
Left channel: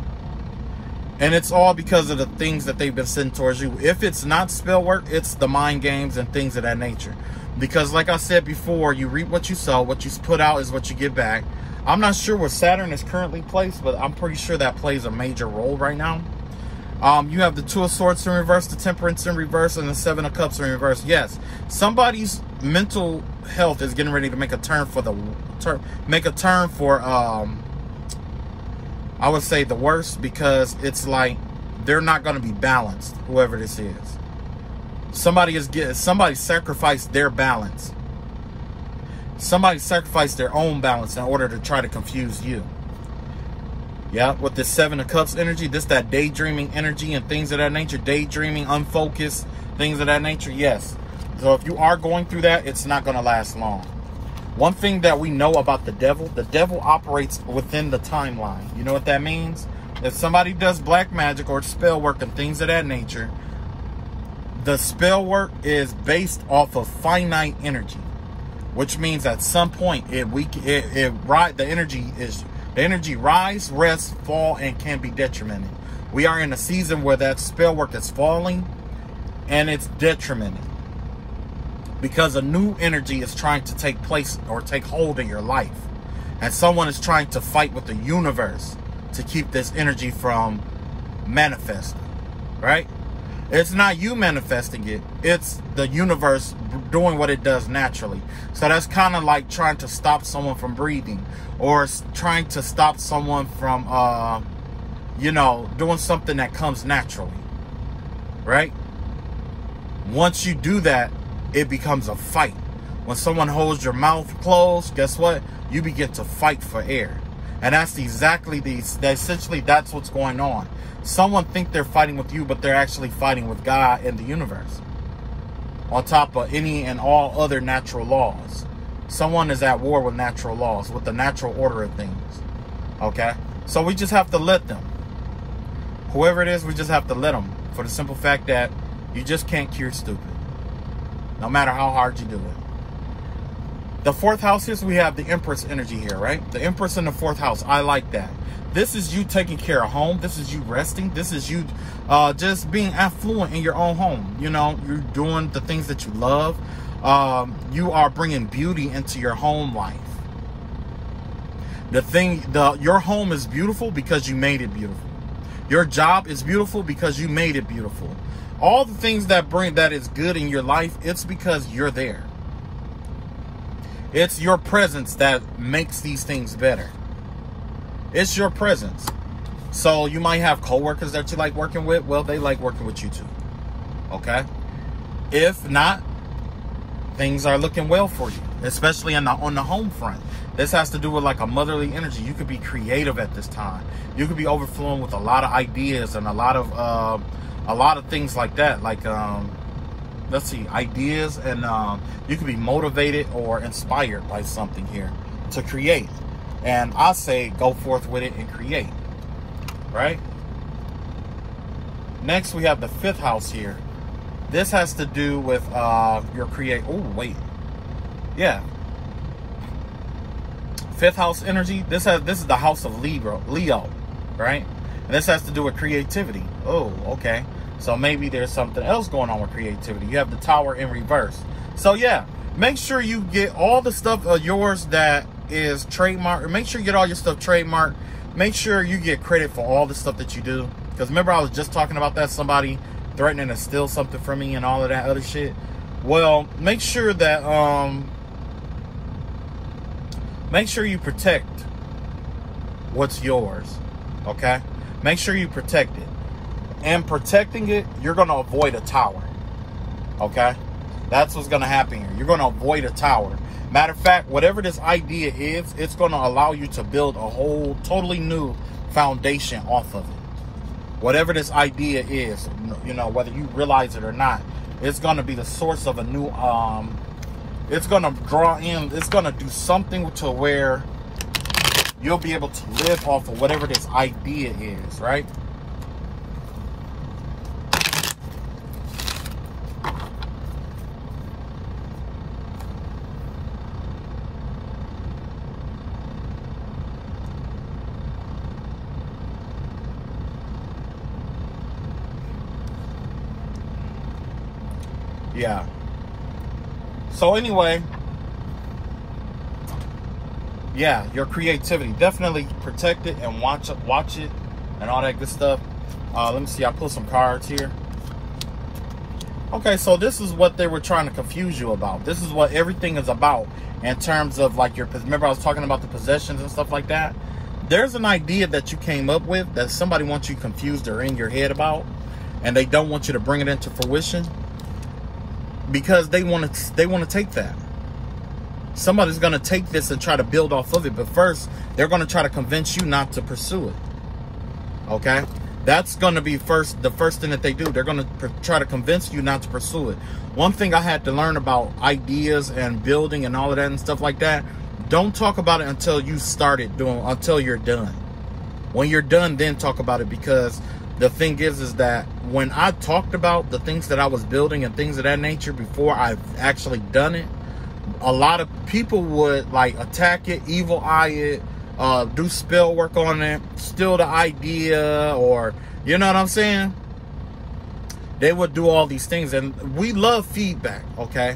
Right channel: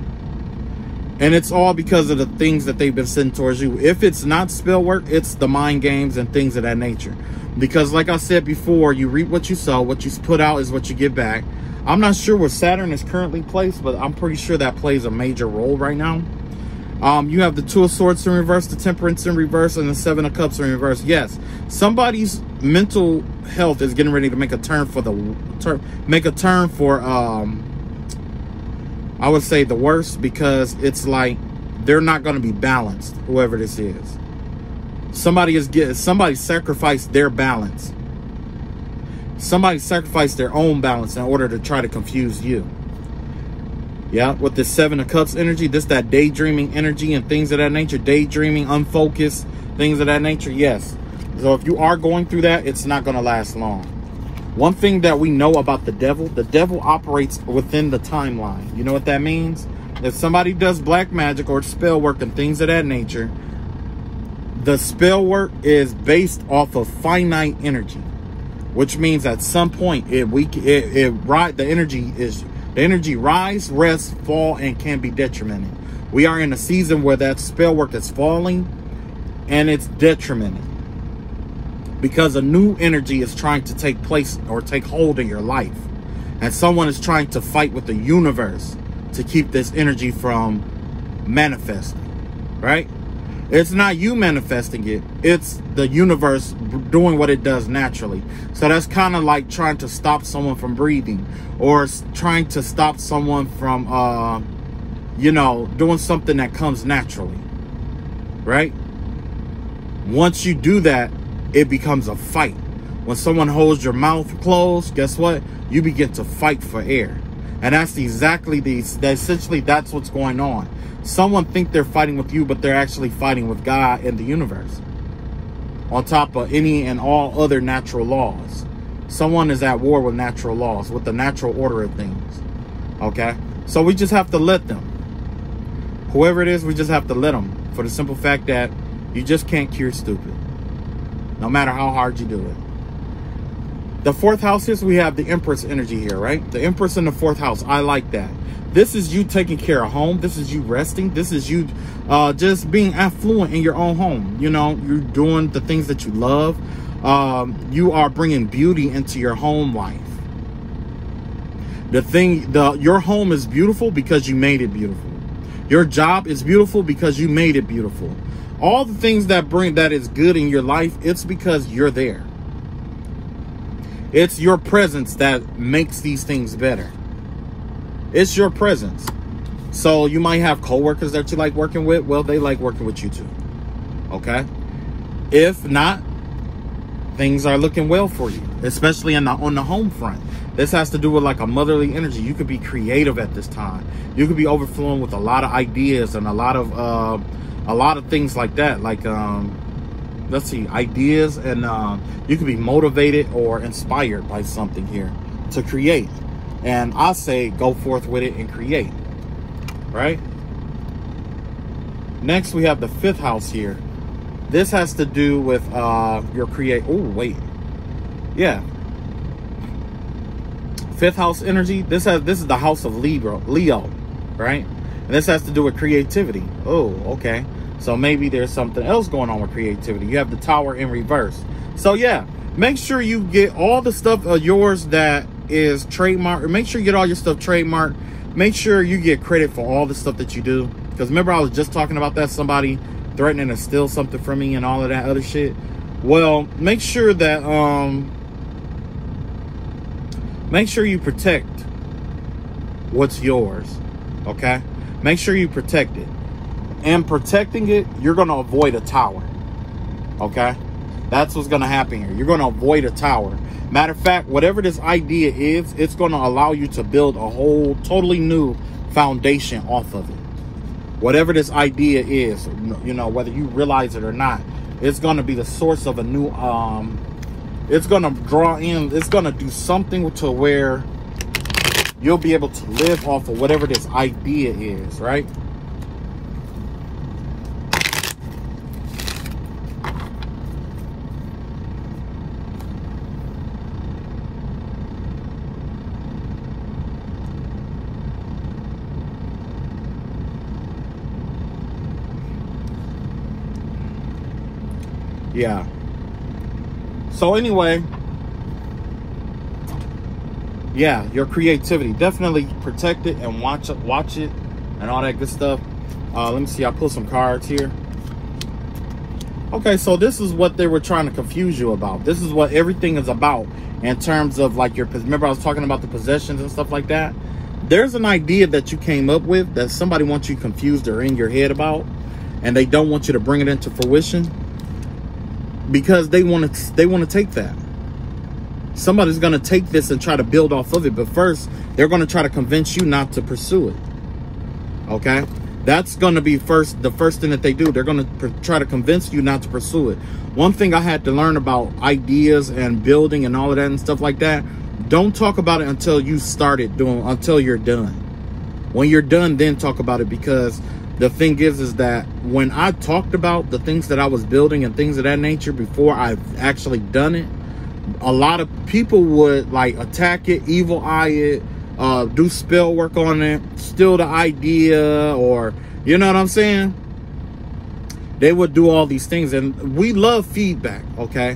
And it's all because of the things that they've been sending towards you. If it's not spell work, it's the mind games and things of that nature. Because like I said before, you reap what you sow. What you put out is what you get back. I'm not sure where Saturn is currently placed, but I'm pretty sure that plays a major role right now. You have the Two of Swords in reverse, the Temperance in reverse, and the Seven of Cups in reverse. Yes, somebody's mental health is getting ready to make a turn for I would say the worst, because it's like they're not going to be balanced, whoever this is. Somebody sacrificed their balance. Somebody sacrificed their own balance in order to try to confuse you. Yeah, with the Seven of Cups energy, this that daydreaming energy and things of that nature, daydreaming, unfocused, things of that nature, yes. So if you are going through that, it's not going to last long. One thing that we know about the devil operates within the timeline. You know what that means? If somebody does black magic or spell work and things of that nature, the spell work is based off of finite energy, which means at some point the energy rise, rest, fall, and can be detrimental. We are in a season where that spell work is falling and it's detrimental, because a new energy is trying to take place or take hold of your life. And someone is trying to fight with the universe to keep this energy from manifesting, right? It's not you manifesting it. It's the universe doing what it does naturally. So that's kind of like trying to stop someone from breathing, or trying to stop someone from, you know, doing something that comes naturally, right? Once you do that, it becomes a fight. When someone holds your mouth closed, guess what? You begin to fight for air. And that's essentially that's what's going on. Someone think they're fighting with you, but they're actually fighting with God and the universe. On top of any and all other natural laws. Someone is at war with natural laws, with the natural order of things. Okay? So we just have to let them. Whoever it is, we just have to let them. For the simple fact that you just can't cure stupid. No matter how hard you do it. The fourth house is, we have the Empress energy here, right? The Empress in the fourth house. I like that. This is you taking care of home. This is you resting. This is you just being affluent in your own home. You know, you're doing the things that you love. You are bringing beauty into your home life. Your home is beautiful because you made it beautiful. Your job is beautiful because you made it beautiful. All the things that is good in your life, it's because you're there. It's your presence that makes these things better. It's your presence. So you might have coworkers that you like working with. Well, they like working with you too. Okay? If not, things are looking well for you, especially on the home front. This has to do with like a motherly energy. You could be creative at this time. You could be overflowing with a lot of ideas and a lot of things like that. Like let's see, ideas, and you could be motivated or inspired by something here to create. And I say go forth with it and create, right? Next, we have the 5th house here. This has to do with your yeah. 5th house energy. This is the house of Leo, right? And this has to do with creativity. Oh, okay. So maybe there's something else going on with creativity. You have the Tower in reverse. So yeah, make sure you get all the stuff of yours that is trademarked, or make sure you get all your stuff trademarked. Make sure you get credit for all the stuff that you do. Because remember, I was just talking about that, somebody threatening to steal something from me and all of that other shit. Well, make sure that make sure you protect what's yours, okay? Make sure you protect it. And protecting it, you're going to avoid a tower, okay? That's what's going to happen here. You're going to avoid a tower. Matter of fact, whatever this idea is, it's going to allow you to build a whole totally new foundation off of it. Whatever this idea is, you know, whether you realize it or not, it's going to be the source of a new, it's going to draw in, it's going to do something to where you'll be able to live off of whatever this idea is, right? Yeah. So anyway, yeah, your creativity, definitely protect it and watch it and all that good stuff. Let me see, I pulled some cards here. Okay, so this is what they were trying to confuse you about. This is what everything is about in terms of like your, remember I was talking about the possessions and stuff like that? There's an idea that you came up with that somebody wants you confused or in your head about, and they don't want you to bring it into fruition. Because they want to take that. Somebody's going to take this and try to build off of it. But first, they're going to try to convince you not to pursue it. Okay? That's going to be the first thing that they do. They're going to try to convince you not to pursue it. One thing I had to learn about ideas and building and all of that and stuff like that, don't talk about it until you started doing, until you're done. When you're done, then talk about it, because the thing is that when I talked about the things that I was building and things of that nature before I've actually done it, a lot of people would like attack it, evil eye it, do spell work on it, steal the idea, or, you know what I'm saying? They would do all these things, and we love feedback, okay?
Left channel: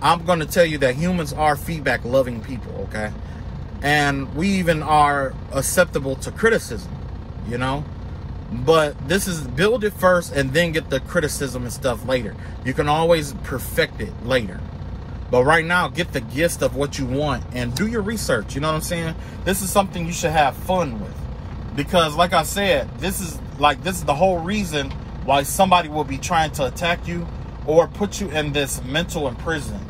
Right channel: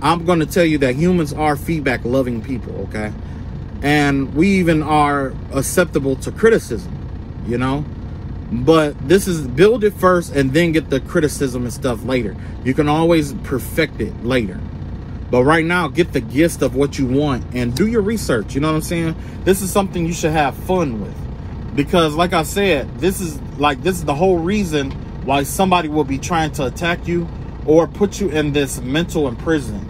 I'm going to tell you that humans are feedback loving people, okay? And we even are acceptable to criticism, you know? But this is build it first and then get the criticism and stuff later. You can always perfect it later. But right now, get the gist of what you want and do your research. You know what I'm saying? This is something you should have fun with. Because like I said, this is the whole reason why somebody will be trying to attack you or put you in this mental imprisonment.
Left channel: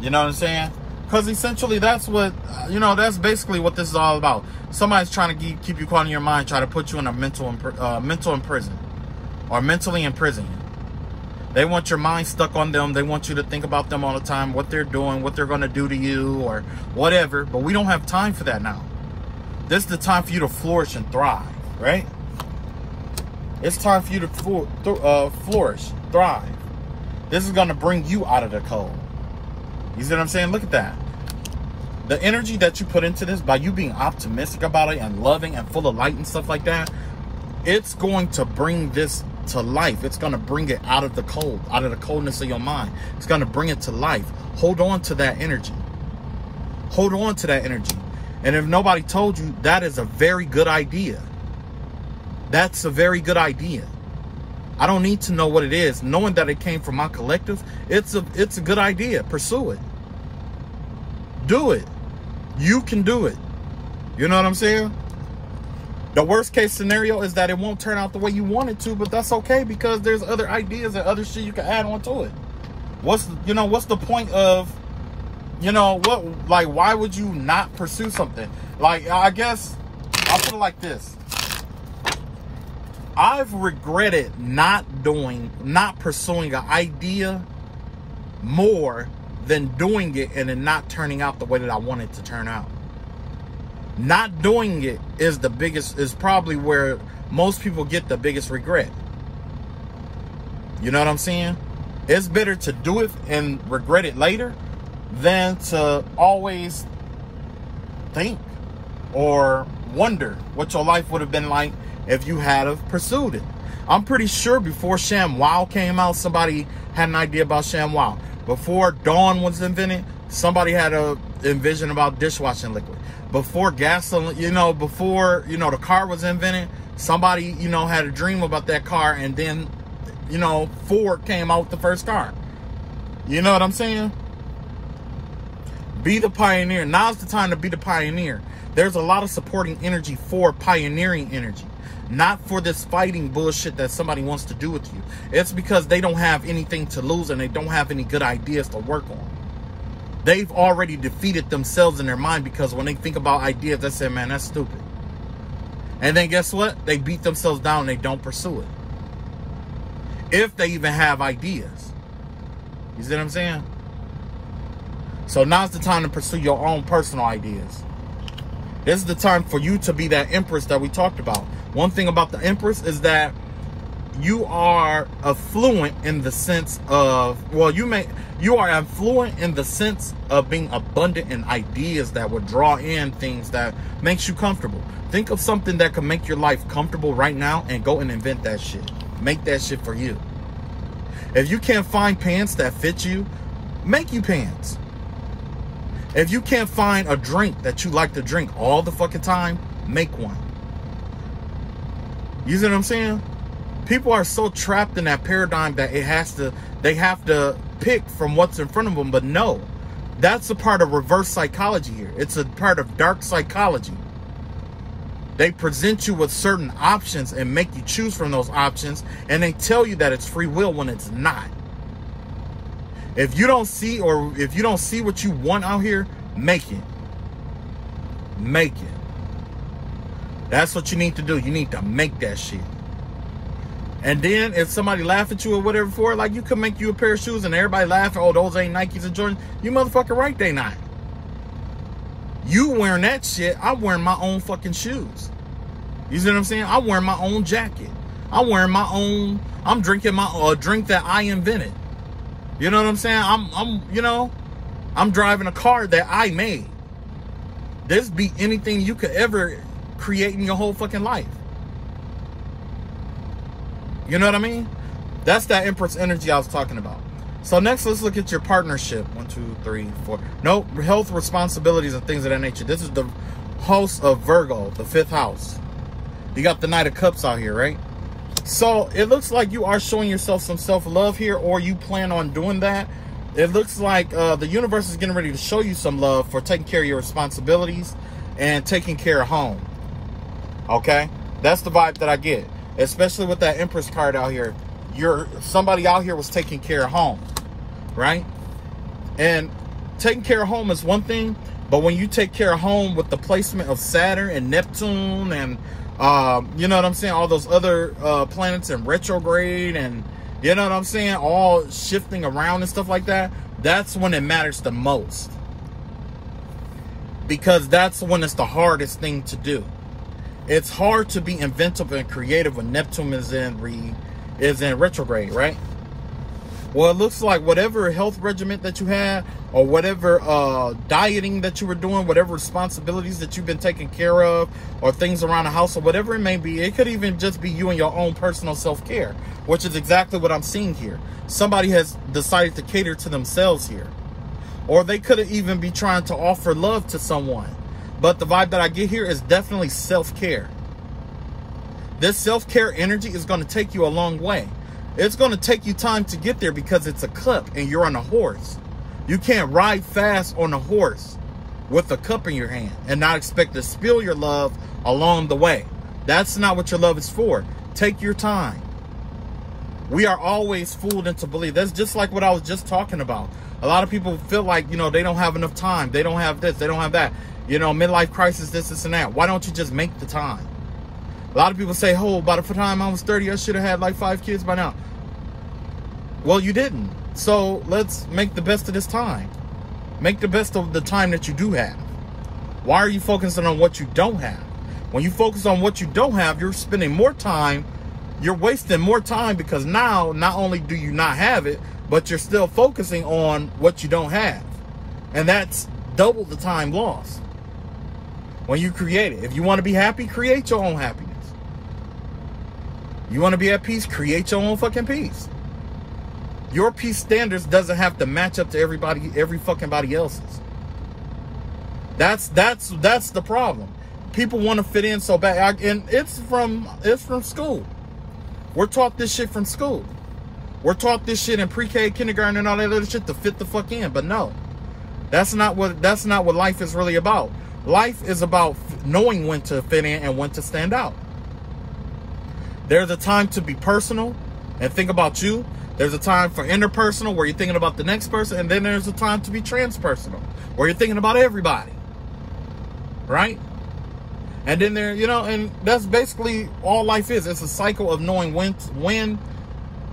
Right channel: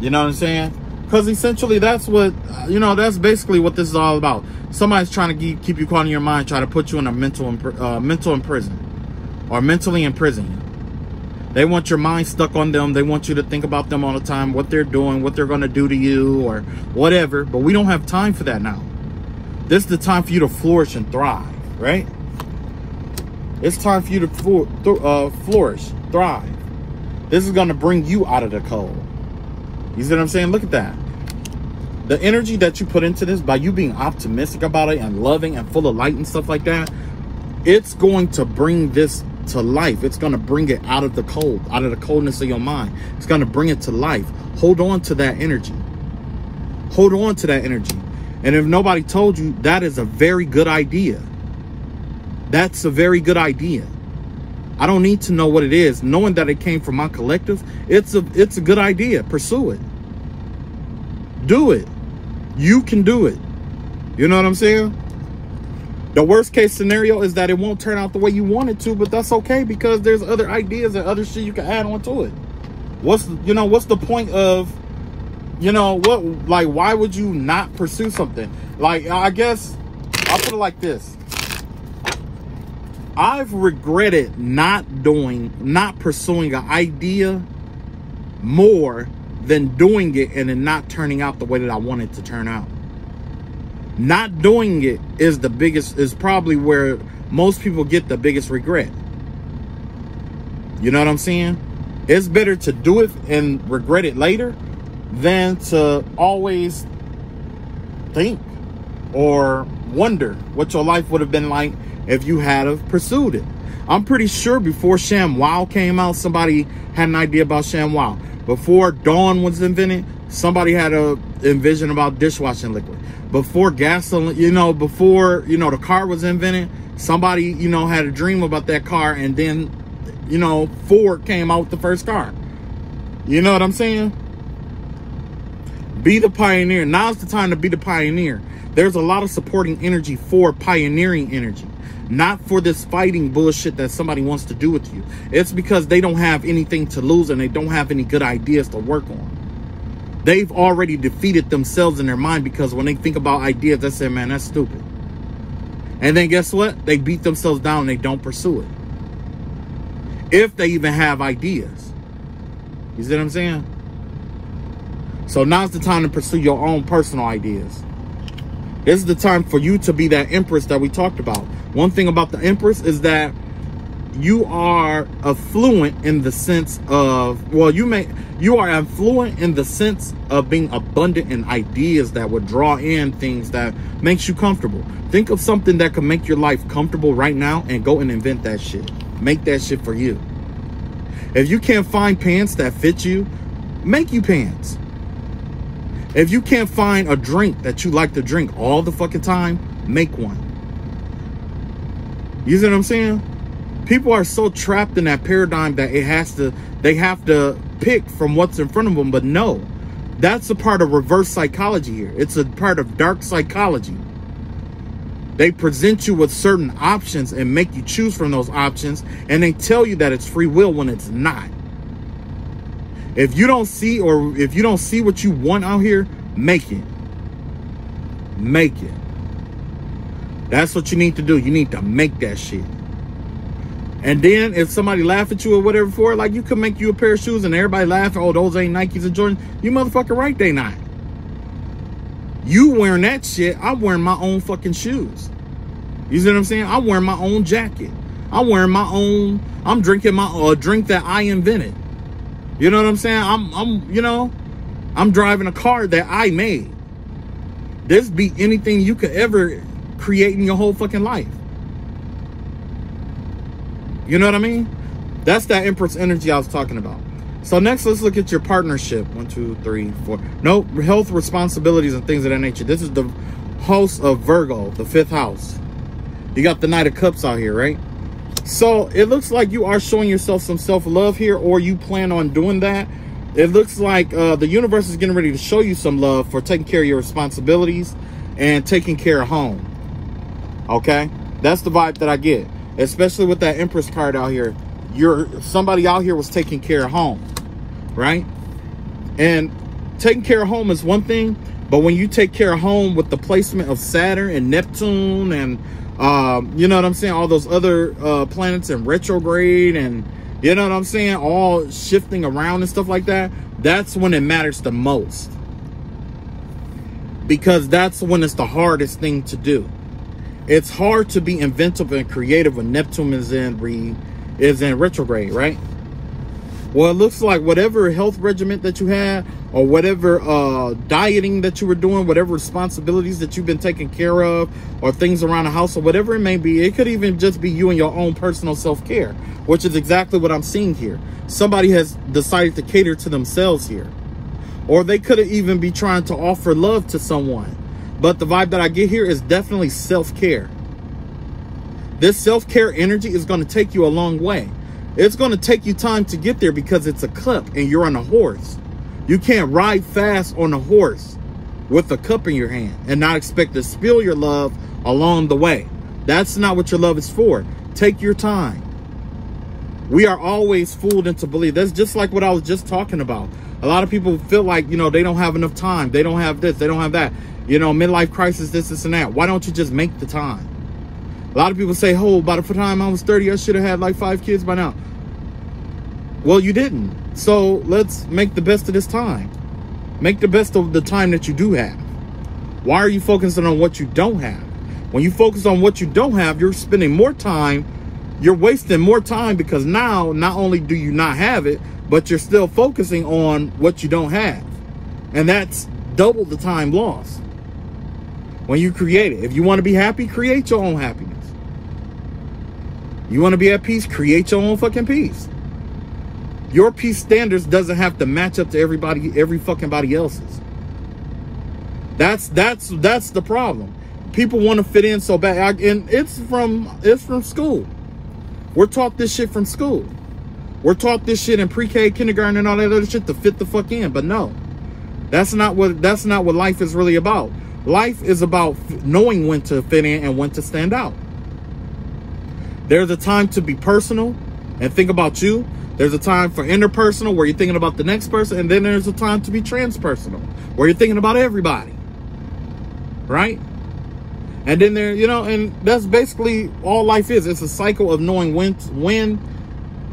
You know what I'm saying? Because essentially that's what, you know, that's basically what this is all about. Somebody's trying to keep you caught in your mind, try to put you in a mental imprison, or mentally imprison you. They want your mind stuck on them. They want you to think about them all the time, what they're doing, what they're going to do to you, or whatever. But we don't have time for that now. This is the time for you to flourish and thrive, right? It's time for you to flourish, thrive. This is going to bring you out of the color. You see what I'm saying? Look at that. The energy that you put into this by you being optimistic about it and loving and full of light and stuff like that, it's going to bring this to life. It's going to bring it out of the cold, out of the coldness of your mind. It's going to bring it to life. Hold on to that energy. Hold on to that energy. And if nobody told you, that is a very good idea. That's a very good idea. I don't need to know what it is. Knowing that it came from my collective, it's a good idea. Pursue it. Do it. You can do it. You know what I'm saying? The worst case scenario is that it won't turn out the way you want it to, but that's okay because there's other ideas and other shit you can add on to it. what's the point of, why would you not pursue something? Like, I guess I'll put it like this. I've regretted not pursuing an idea more than doing it and it not turning out the way that I want it to turn out. Not doing it is probably where most people get the biggest regret. You know what I'm saying? It's better to do it and regret it later than to always think or wonder what your life would have been like if you had have pursued it. I'm pretty sure before ShamWow came out, somebody had an idea about ShamWow. Before Dawn was invented, somebody had a envision about dishwashing liquid. Before gasoline, before, the car was invented, somebody, had a dream about that car, and then, Ford came out with the first car. You know what I'm saying? Be the pioneer. Now's the time to be the pioneer. There's a lot of supporting energy for pioneering energy. Not for this fighting bullshit that somebody wants to do with you. It's because they don't have anything to lose and they don't have any good ideas to work on. They've already defeated themselves in their mind because when they think about ideas, they say, man, that's stupid. And then guess what? They beat themselves down and they don't pursue it. If they even have ideas. You see what I'm saying? So now's the time to pursue your own personal ideas. This is the time for you to be that empress that we talked about. One thing about the empress is that you are affluent in the sense of, you are affluent in the sense of being abundant in ideas that would draw in things that makes you comfortable. Think of something that can make your life comfortable right now and go and invent that shit. Make that shit for you. If you can't find pants that fit you, make you pants. If you can't find a drink that you like to drink all the fucking time, make one. You see what I'm saying? People are so trapped in that paradigm that they have to pick from what's in front of them. But no, that's a part of reverse psychology here. It's a part of dark psychology. They present you with certain options and make you choose from those options. And they tell you that it's free will when it's not. If you don't see what you want out here, make it. Make it. That's what you need to do. You need to make that shit. And then if somebody laugh at you or whatever for it, like you could make you a pair of shoes and everybody laugh, oh, those ain't Nikes or Jordans. You motherfucker right, they not. You wearing that shit, I'm wearing my own fucking shoes. You see what I'm saying? I'm wearing my own jacket. I'm wearing my own, I'm drinking my drink that I invented. You know what I'm saying? I'm driving a car that I made. This beat anything you could ever create in your whole fucking life. You know what I mean? That's that Empress energy I was talking about. So next, let's look at your partnership. 1, 2, 3, 4. Nope, health, responsibilities, and things of that nature. This is the house of Virgo, the 5th house. You got the Knight of Cups out here, right? So it looks like you are showing yourself some self-love here, or you plan on doing that. It looks like the universe is getting ready to show you some love for taking care of your responsibilities and taking care of home. Okay? That's the vibe that I get. Especially with that Empress card out here. Somebody out here was taking care of home. Right? And taking care of home is one thing, but when you take care of home with the placement of Saturn and Neptune and you know what I'm saying, all those other planets in retrograde and you know what I'm saying, all shifting around and stuff like that, that's when it matters the most. Because that's when it's the hardest thing to do. It's hard to be inventive and creative when Neptune is in retrograde, right? Well, it looks like whatever health regimen that you had, or whatever dieting that you were doing, whatever responsibilities that you've been taking care of, or things around the house, or whatever it may be, it could even just be you and your own personal self-care, which is exactly what I'm seeing here. Somebody has decided to cater to themselves here. Or they could even be trying to offer love to someone. But the vibe that I get here is definitely self-care. This self-care energy is going to take you a long way. It's going to take you time to get there because it's a cup and you're on a horse. You can't ride fast on a horse with a cup in your hand and not expect to spill your love along the way. That's not what your love is for. Take your time. We are always fooled into belief. That's just like what I was just talking about. A lot of people feel like, you know, they don't have enough time. They don't have this. They don't have that. You know, midlife crisis, this, and that. Why don't you just make the time? A lot of people say, oh, by the time I was 30, I should have had like 5 kids by now. Well, you didn't. So let's make the best of this time. Make the best of the time that you do have. Why are you focusing on what you don't have? When you focus on what you don't have, you're spending more time. You're wasting more time because now not only do you not have it, but you're still focusing on what you don't have. And that's double the time lost when you create it. If you want to be happy, create your own happiness. You want to be at peace, create your own fucking peace. Your peace standards doesn't have to match up to every fucking body else's. That's the problem. People want to fit in so bad, and it's from school. We're taught this shit from school. We're taught this shit in pre-K, kindergarten, and all that other shit to fit the fuck in. But no, that's not what life is really about. Life is about knowing when to fit in and when to stand out. There's a time to be personal and think about you. There's a time for interpersonal where you're thinking about the next person, and then there's a time to be transpersonal where you're thinking about everybody, right? And then there, you know, and that's basically all life is. It's a cycle of knowing when,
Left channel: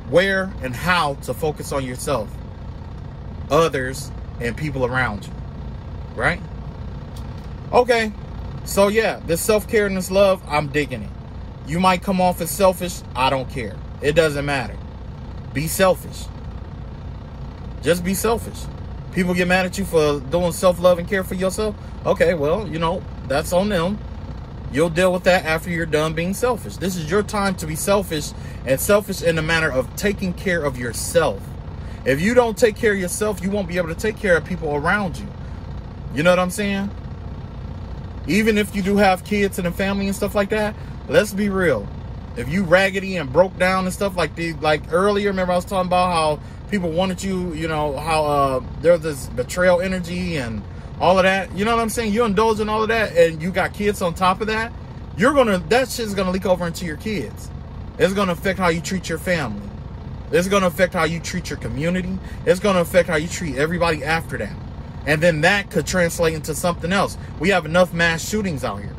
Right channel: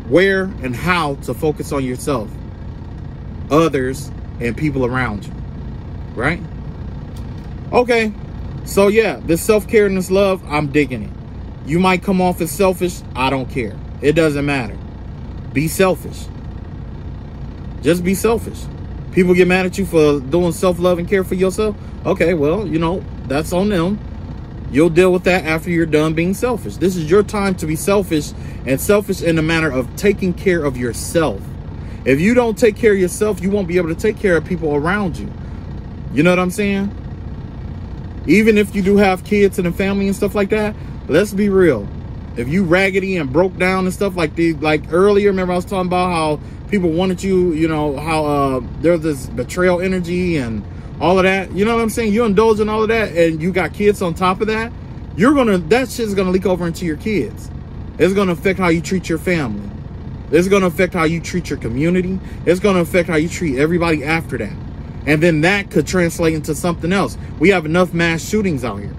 where, and how to focus on yourself, others, and people around you, right? Okay, so yeah, this self-care and this love, I'm digging it. You might come off as selfish. I don't care. It doesn't matter. Be selfish. Just be selfish. People get mad at you for doing self-love and care for yourself. Okay, well, you know, that's on them. You'll deal with that after you're done being selfish. This is your time to be selfish, and selfish in the manner of taking care of yourself. If you don't take care of yourself, you won't be able to take care of people around you. You know what I'm saying? Even if you do have kids and a family and stuff like that, let's be real. If you raggedy and broke down and stuff like earlier, remember I was talking about how people wanted you, you know, how there's this betrayal energy and all of that. You know what I'm saying? You indulge in all of that, and you got kids on top of that. That shit's gonna leak over into your kids. It's gonna affect how you treat your family. It's gonna affect how you treat your community. It's gonna affect how you treat everybody after that. And then that could translate into something else. We have enough mass shootings out here.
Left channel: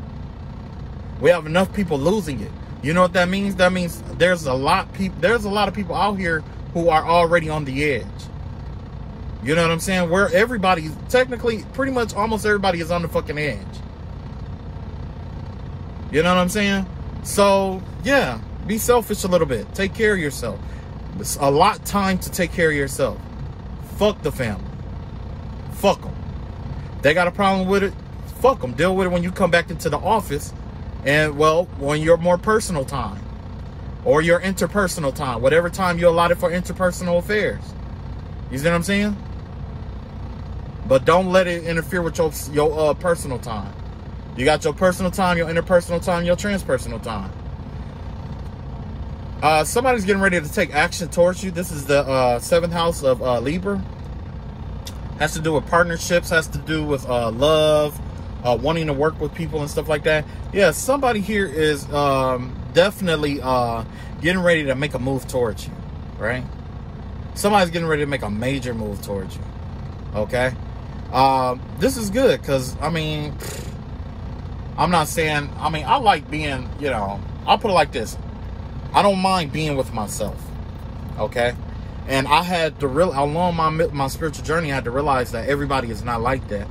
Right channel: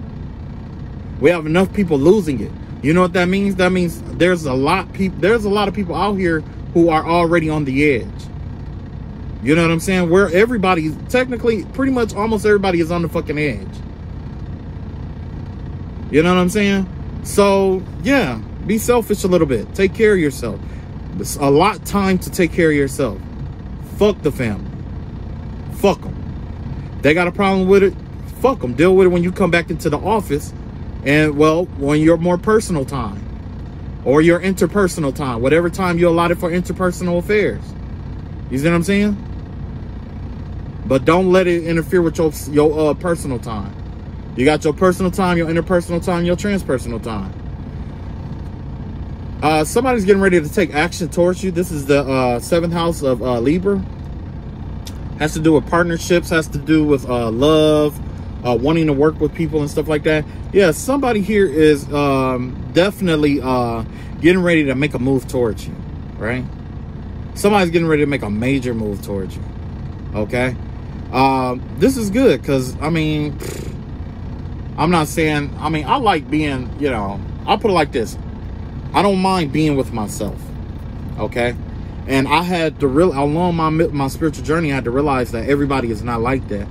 We have enough people losing it. You know what that means? That means there's a lot of people out here who are already on the edge. You know what I'm saying? Where everybody, technically, pretty much almost everybody is on the fucking edge. You know what I'm saying? So, yeah, be selfish a little bit. Take care of yourself. It's a lot of time to take care of yourself. Fuck the family. Fuck them. They got a problem with it? Fuck them. Deal with it when you come back into the office. And, well, when your more personal time or your interpersonal time, whatever time you allotted for interpersonal affairs. You see what I'm saying? But don't let it interfere with your personal time. You got your personal time, your interpersonal time, your transpersonal time. Somebody's getting ready to take action towards you. This is the 7th house of Libra. Has to do with partnerships, has to do with love, wanting to work with people and stuff like that. Yeah, somebody here is definitely getting ready to make a move towards you, right? Somebody's getting ready to make a major move towards you, okay? This is good because, I mean, I'm not saying, I mean, I like being, you know, I'll put it like this. I don't mind being with myself, okay? And I had to along my spiritual journey, I had to realize that everybody is not like that.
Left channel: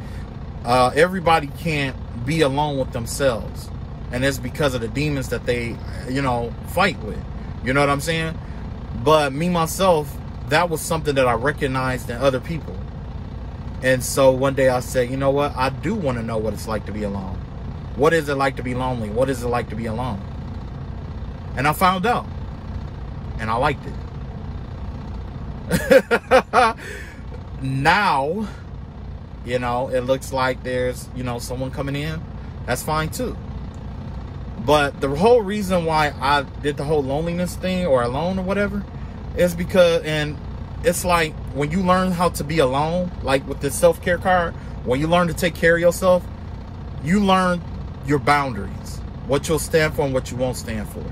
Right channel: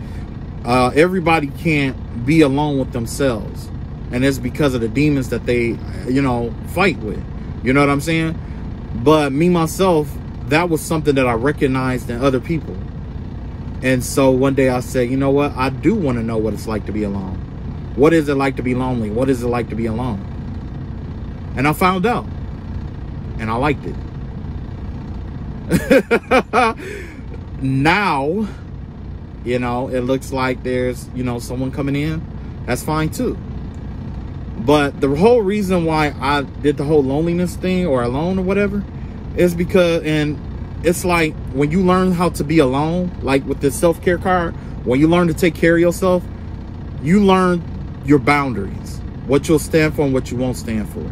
Everybody can't be alone with themselves. And it's because of the demons that they, you know, fight with. You know what I'm saying? But me, myself, that was something that I recognized in other people. And so one day I said, you know what? I do want to know what it's like to be alone. What is it like to be lonely? What is it like to be alone? And I found out. And I liked it. Now, you know, it looks like there's, you know, someone coming in. That's fine too. But the whole reason why I did the whole loneliness thing or alone or whatever is because, and it's like when you learn how to be alone, like with this self-care card, when you learn to take care of yourself, you learn your boundaries, what you'll stand for and what you won't stand for.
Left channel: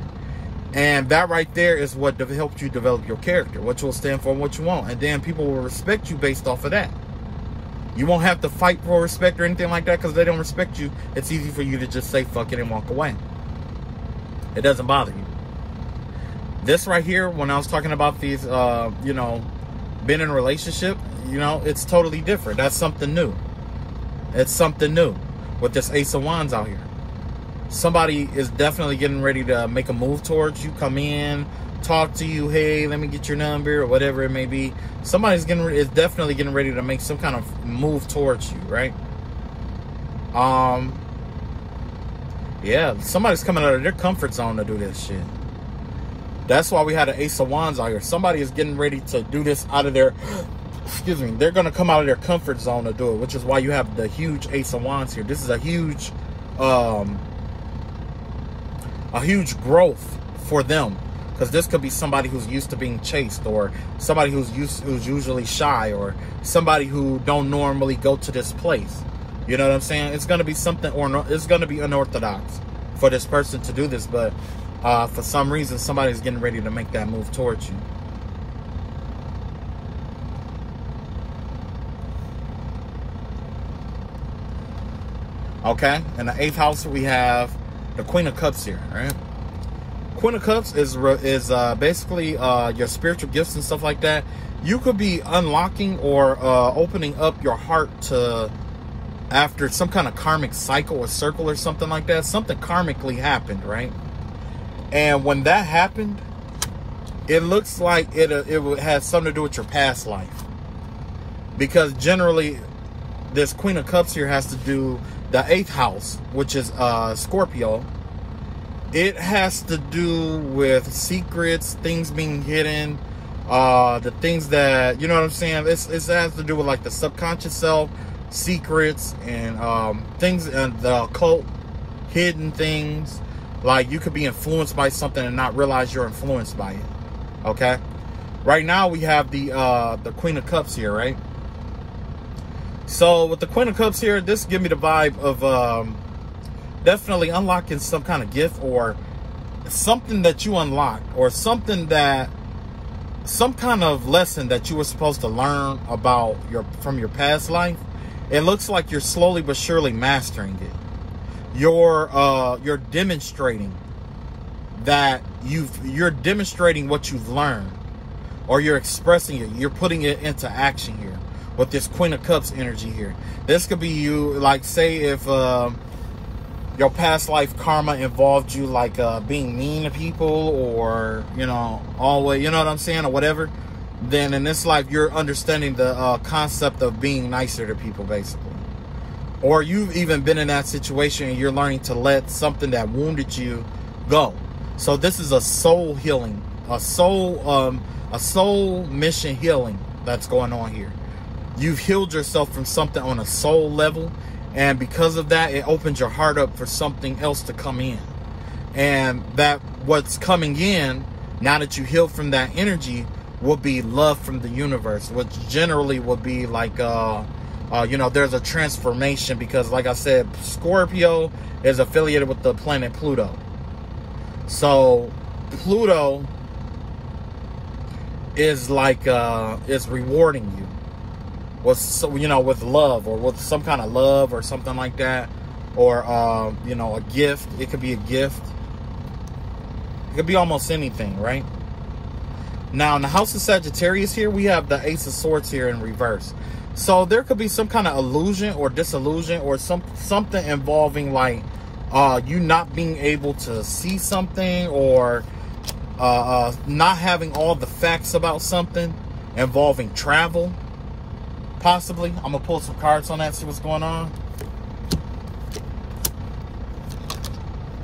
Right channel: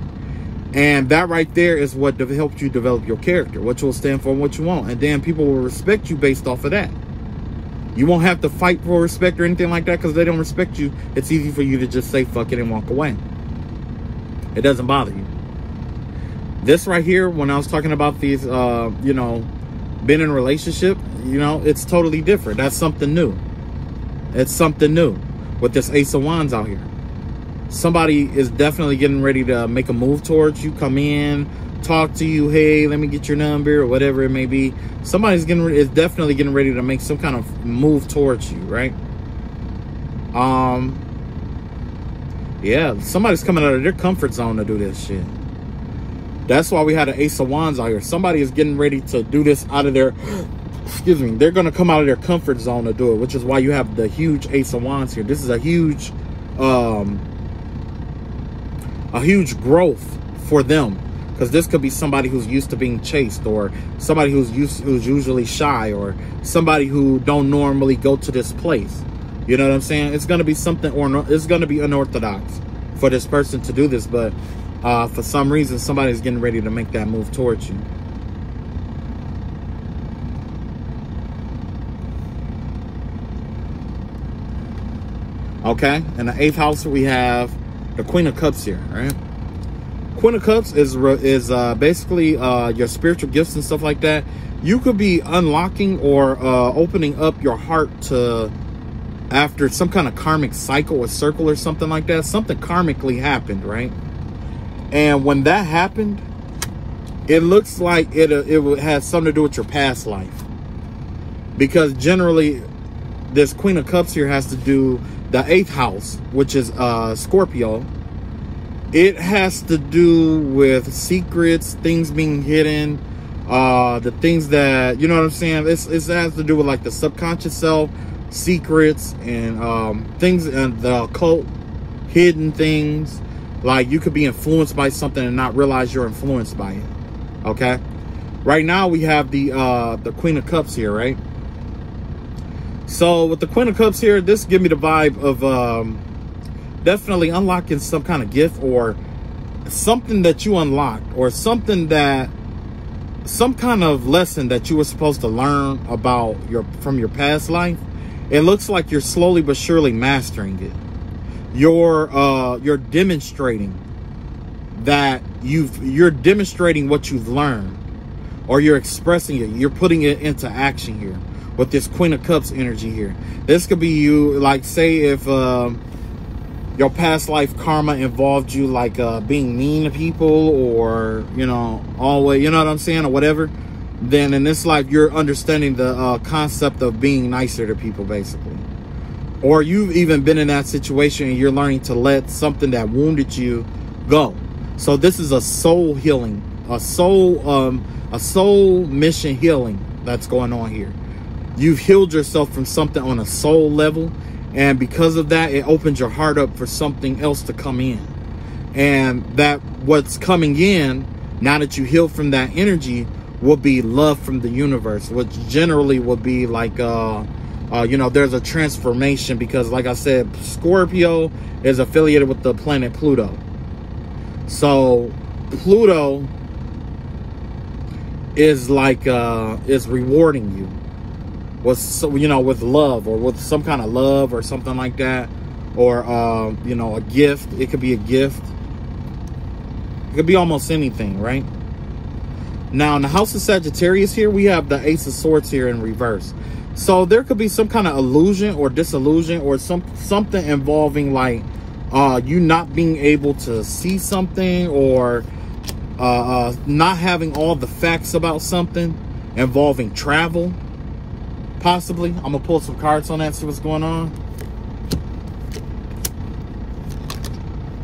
And that right there is what helps you develop your character, what you'll stand for and what you want. And then people will respect you based off of that. You won't have to fight for respect or anything like that because they don't respect you. It's easy for you to just say fuck it and walk away. It doesn't bother you. This right here, when I was talking about these, you know, being in a relationship, you know, it's totally different. That's something new. It's something new with this Ace of Wands out here. Somebody is definitely getting ready to make a move towards you, come in, talk to you. Hey, let me get your number or whatever it may be. Somebody's is definitely getting ready to make some kind of move towards you, right? Yeah, somebody's coming out of their comfort zone to do this shit. That's why we had an Ace of Wands out here. Somebody is getting ready to do this out of their, excuse me, they're going to come out of their comfort zone to do it, which is why you have the huge Ace of Wands here. This is a huge growth for them, because this could be somebody who's used to being chased, or somebody who's usually shy, or somebody who don't normally go to this place. You know what I'm saying? It's going to be something, or it's going to be unorthodox for this person to do this, but for some reason, somebody's getting ready to make that move towards you. Okay, in the 8th house, we have the Queen of Cups here, right? Queen of Cups is basically your spiritual gifts and stuff like that. You could be unlocking or opening up your heart to, after some kind of karmic cycle or circle or something like that. Something karmically happened, right? And when that happened, it looks like it has something to do with your past life. Because generally, this Queen of Cups here has to do the 8th house, which is Scorpio. It has to do with secrets, things being hidden, the things that, you know what I'm saying? It has to do with like the subconscious self, secrets, and things in the occult, hidden things. Like you could be influenced by something and not realize you're influenced by it. Okay. Right now we have the Queen of Cups here, right? So with the Queen of Cups here, this gives me the vibe of definitely unlocking some kind of gift, or something that you unlocked, or something that, some kind of lesson that you were supposed to learn about from your past life. It looks like you're slowly but surely mastering it. You're demonstrating that you're demonstrating what you've learned, or you're expressing it. You're putting it into action here with this Queen of Cups energy here. This could be you, like, say if your past life karma involved you like being mean to people, or, you know, always, you know what I'm saying, or whatever. Then in this life, you're understanding the concept of being nicer to people, basically. Or you've even been in that situation and you're learning to let something that wounded you go. So this is a soul healing, a soul mission healing that's going on here. You've healed yourself from something on a soul level, and because of that, it opens your heart up for something else to come in. And that what's coming in, now that you heal from that energy, will be love from the universe, which generally will be like you know, there's a transformation, because like I said, Scorpio is affiliated with the planet Pluto. So Pluto is like is rewarding you with, you know, with love, or with some kind of love or something like that, or you know, a gift. It could be a gift. It could be almost anything, right? Now in the house of Sagittarius here, we have the Ace of Swords here in reverse. So there could be some kind of illusion or disillusion, or something involving like you not being able to see something, or not having all the facts about something, involving travel, possibly. I'm gonna pull some cards on that, see what's going on.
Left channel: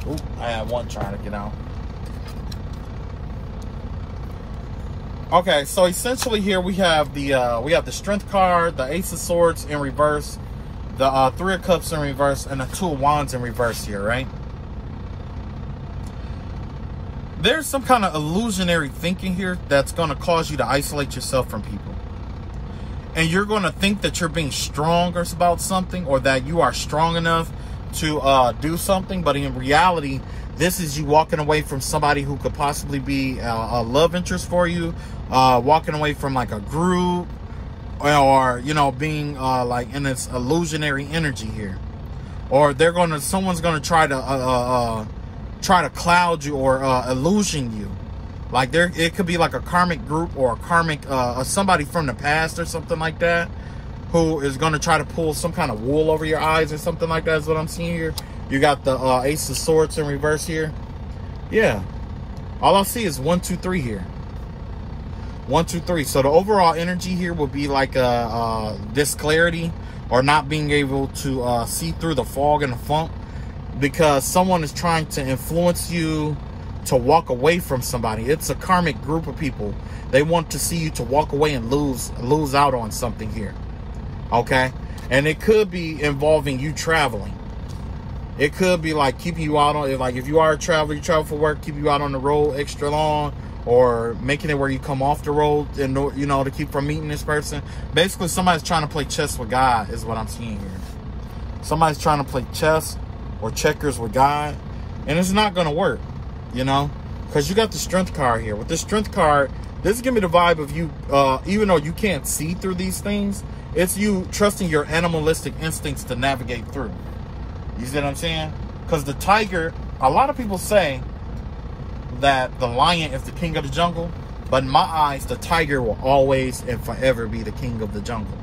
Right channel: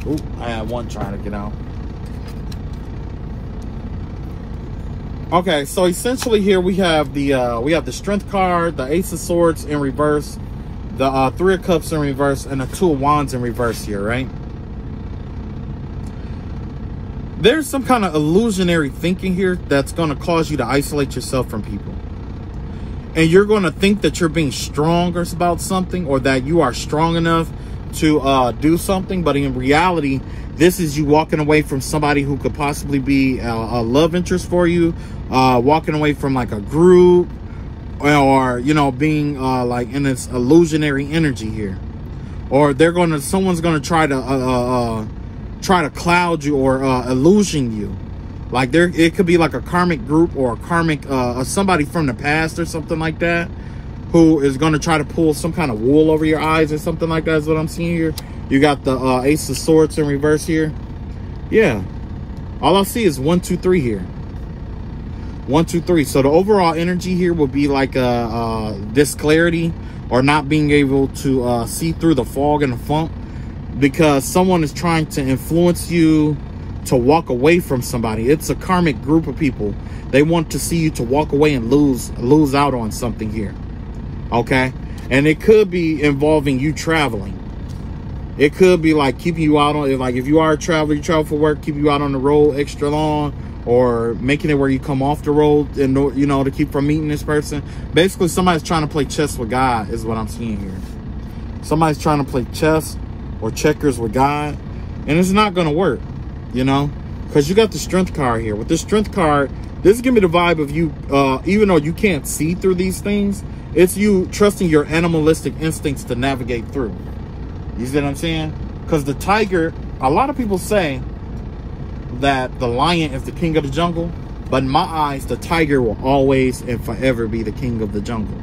Oop, I had one trying to get out. Okay, so essentially here we have the Strength card, the Ace of Swords in reverse, the 3 of Cups in reverse, and the 2 of Wands in reverse here, right? There's some kind of illusionary thinking here that's going to cause you to isolate yourself from people. And you're going to think that you're being strong about something, or that you are strong enough to do something, but in reality, this is you walking away from somebody who could possibly be a love interest for you, walking away from like a group, or, you know, being like in this illusionary energy here. Or someone's gonna try to cloud you or illusion you. Like it could be like a karmic group or a karmic somebody from the past or something like that, who is gonna try to pull some kind of wool over your eyes or something like that is what I'm seeing here. You got the Ace of Swords in reverse here. Yeah, all I see is 1, 2, 3 here. 1, 2, 3. So the overall energy here will be like this clarity, or not being able to see through the fog and the funk, because someone is trying to influence you to walk away from somebody. It's a karmic group of people. They want to see you to walk away and lose out on something here. Okay? And it could be involving you traveling. It could be like keeping you out on, like if you are a traveler, you travel for work, keep you out on the road extra long, or making it where you come off the road and, you know, to keep from meeting this person. Basically, somebody's trying to play chess with God is what I'm seeing here. Somebody's trying to play chess or checkers with God, and it's not going to work, you know, because you got the Strength card here. With this Strength card, this is giving me the vibe of you, even though you can't see through these things, it's you trusting your animalistic instincts to navigate through. You see what I'm saying? Because the tiger, a lot of people say that the lion is the king of the jungle, but in my eyes, the tiger will always and forever be the king of the jungle.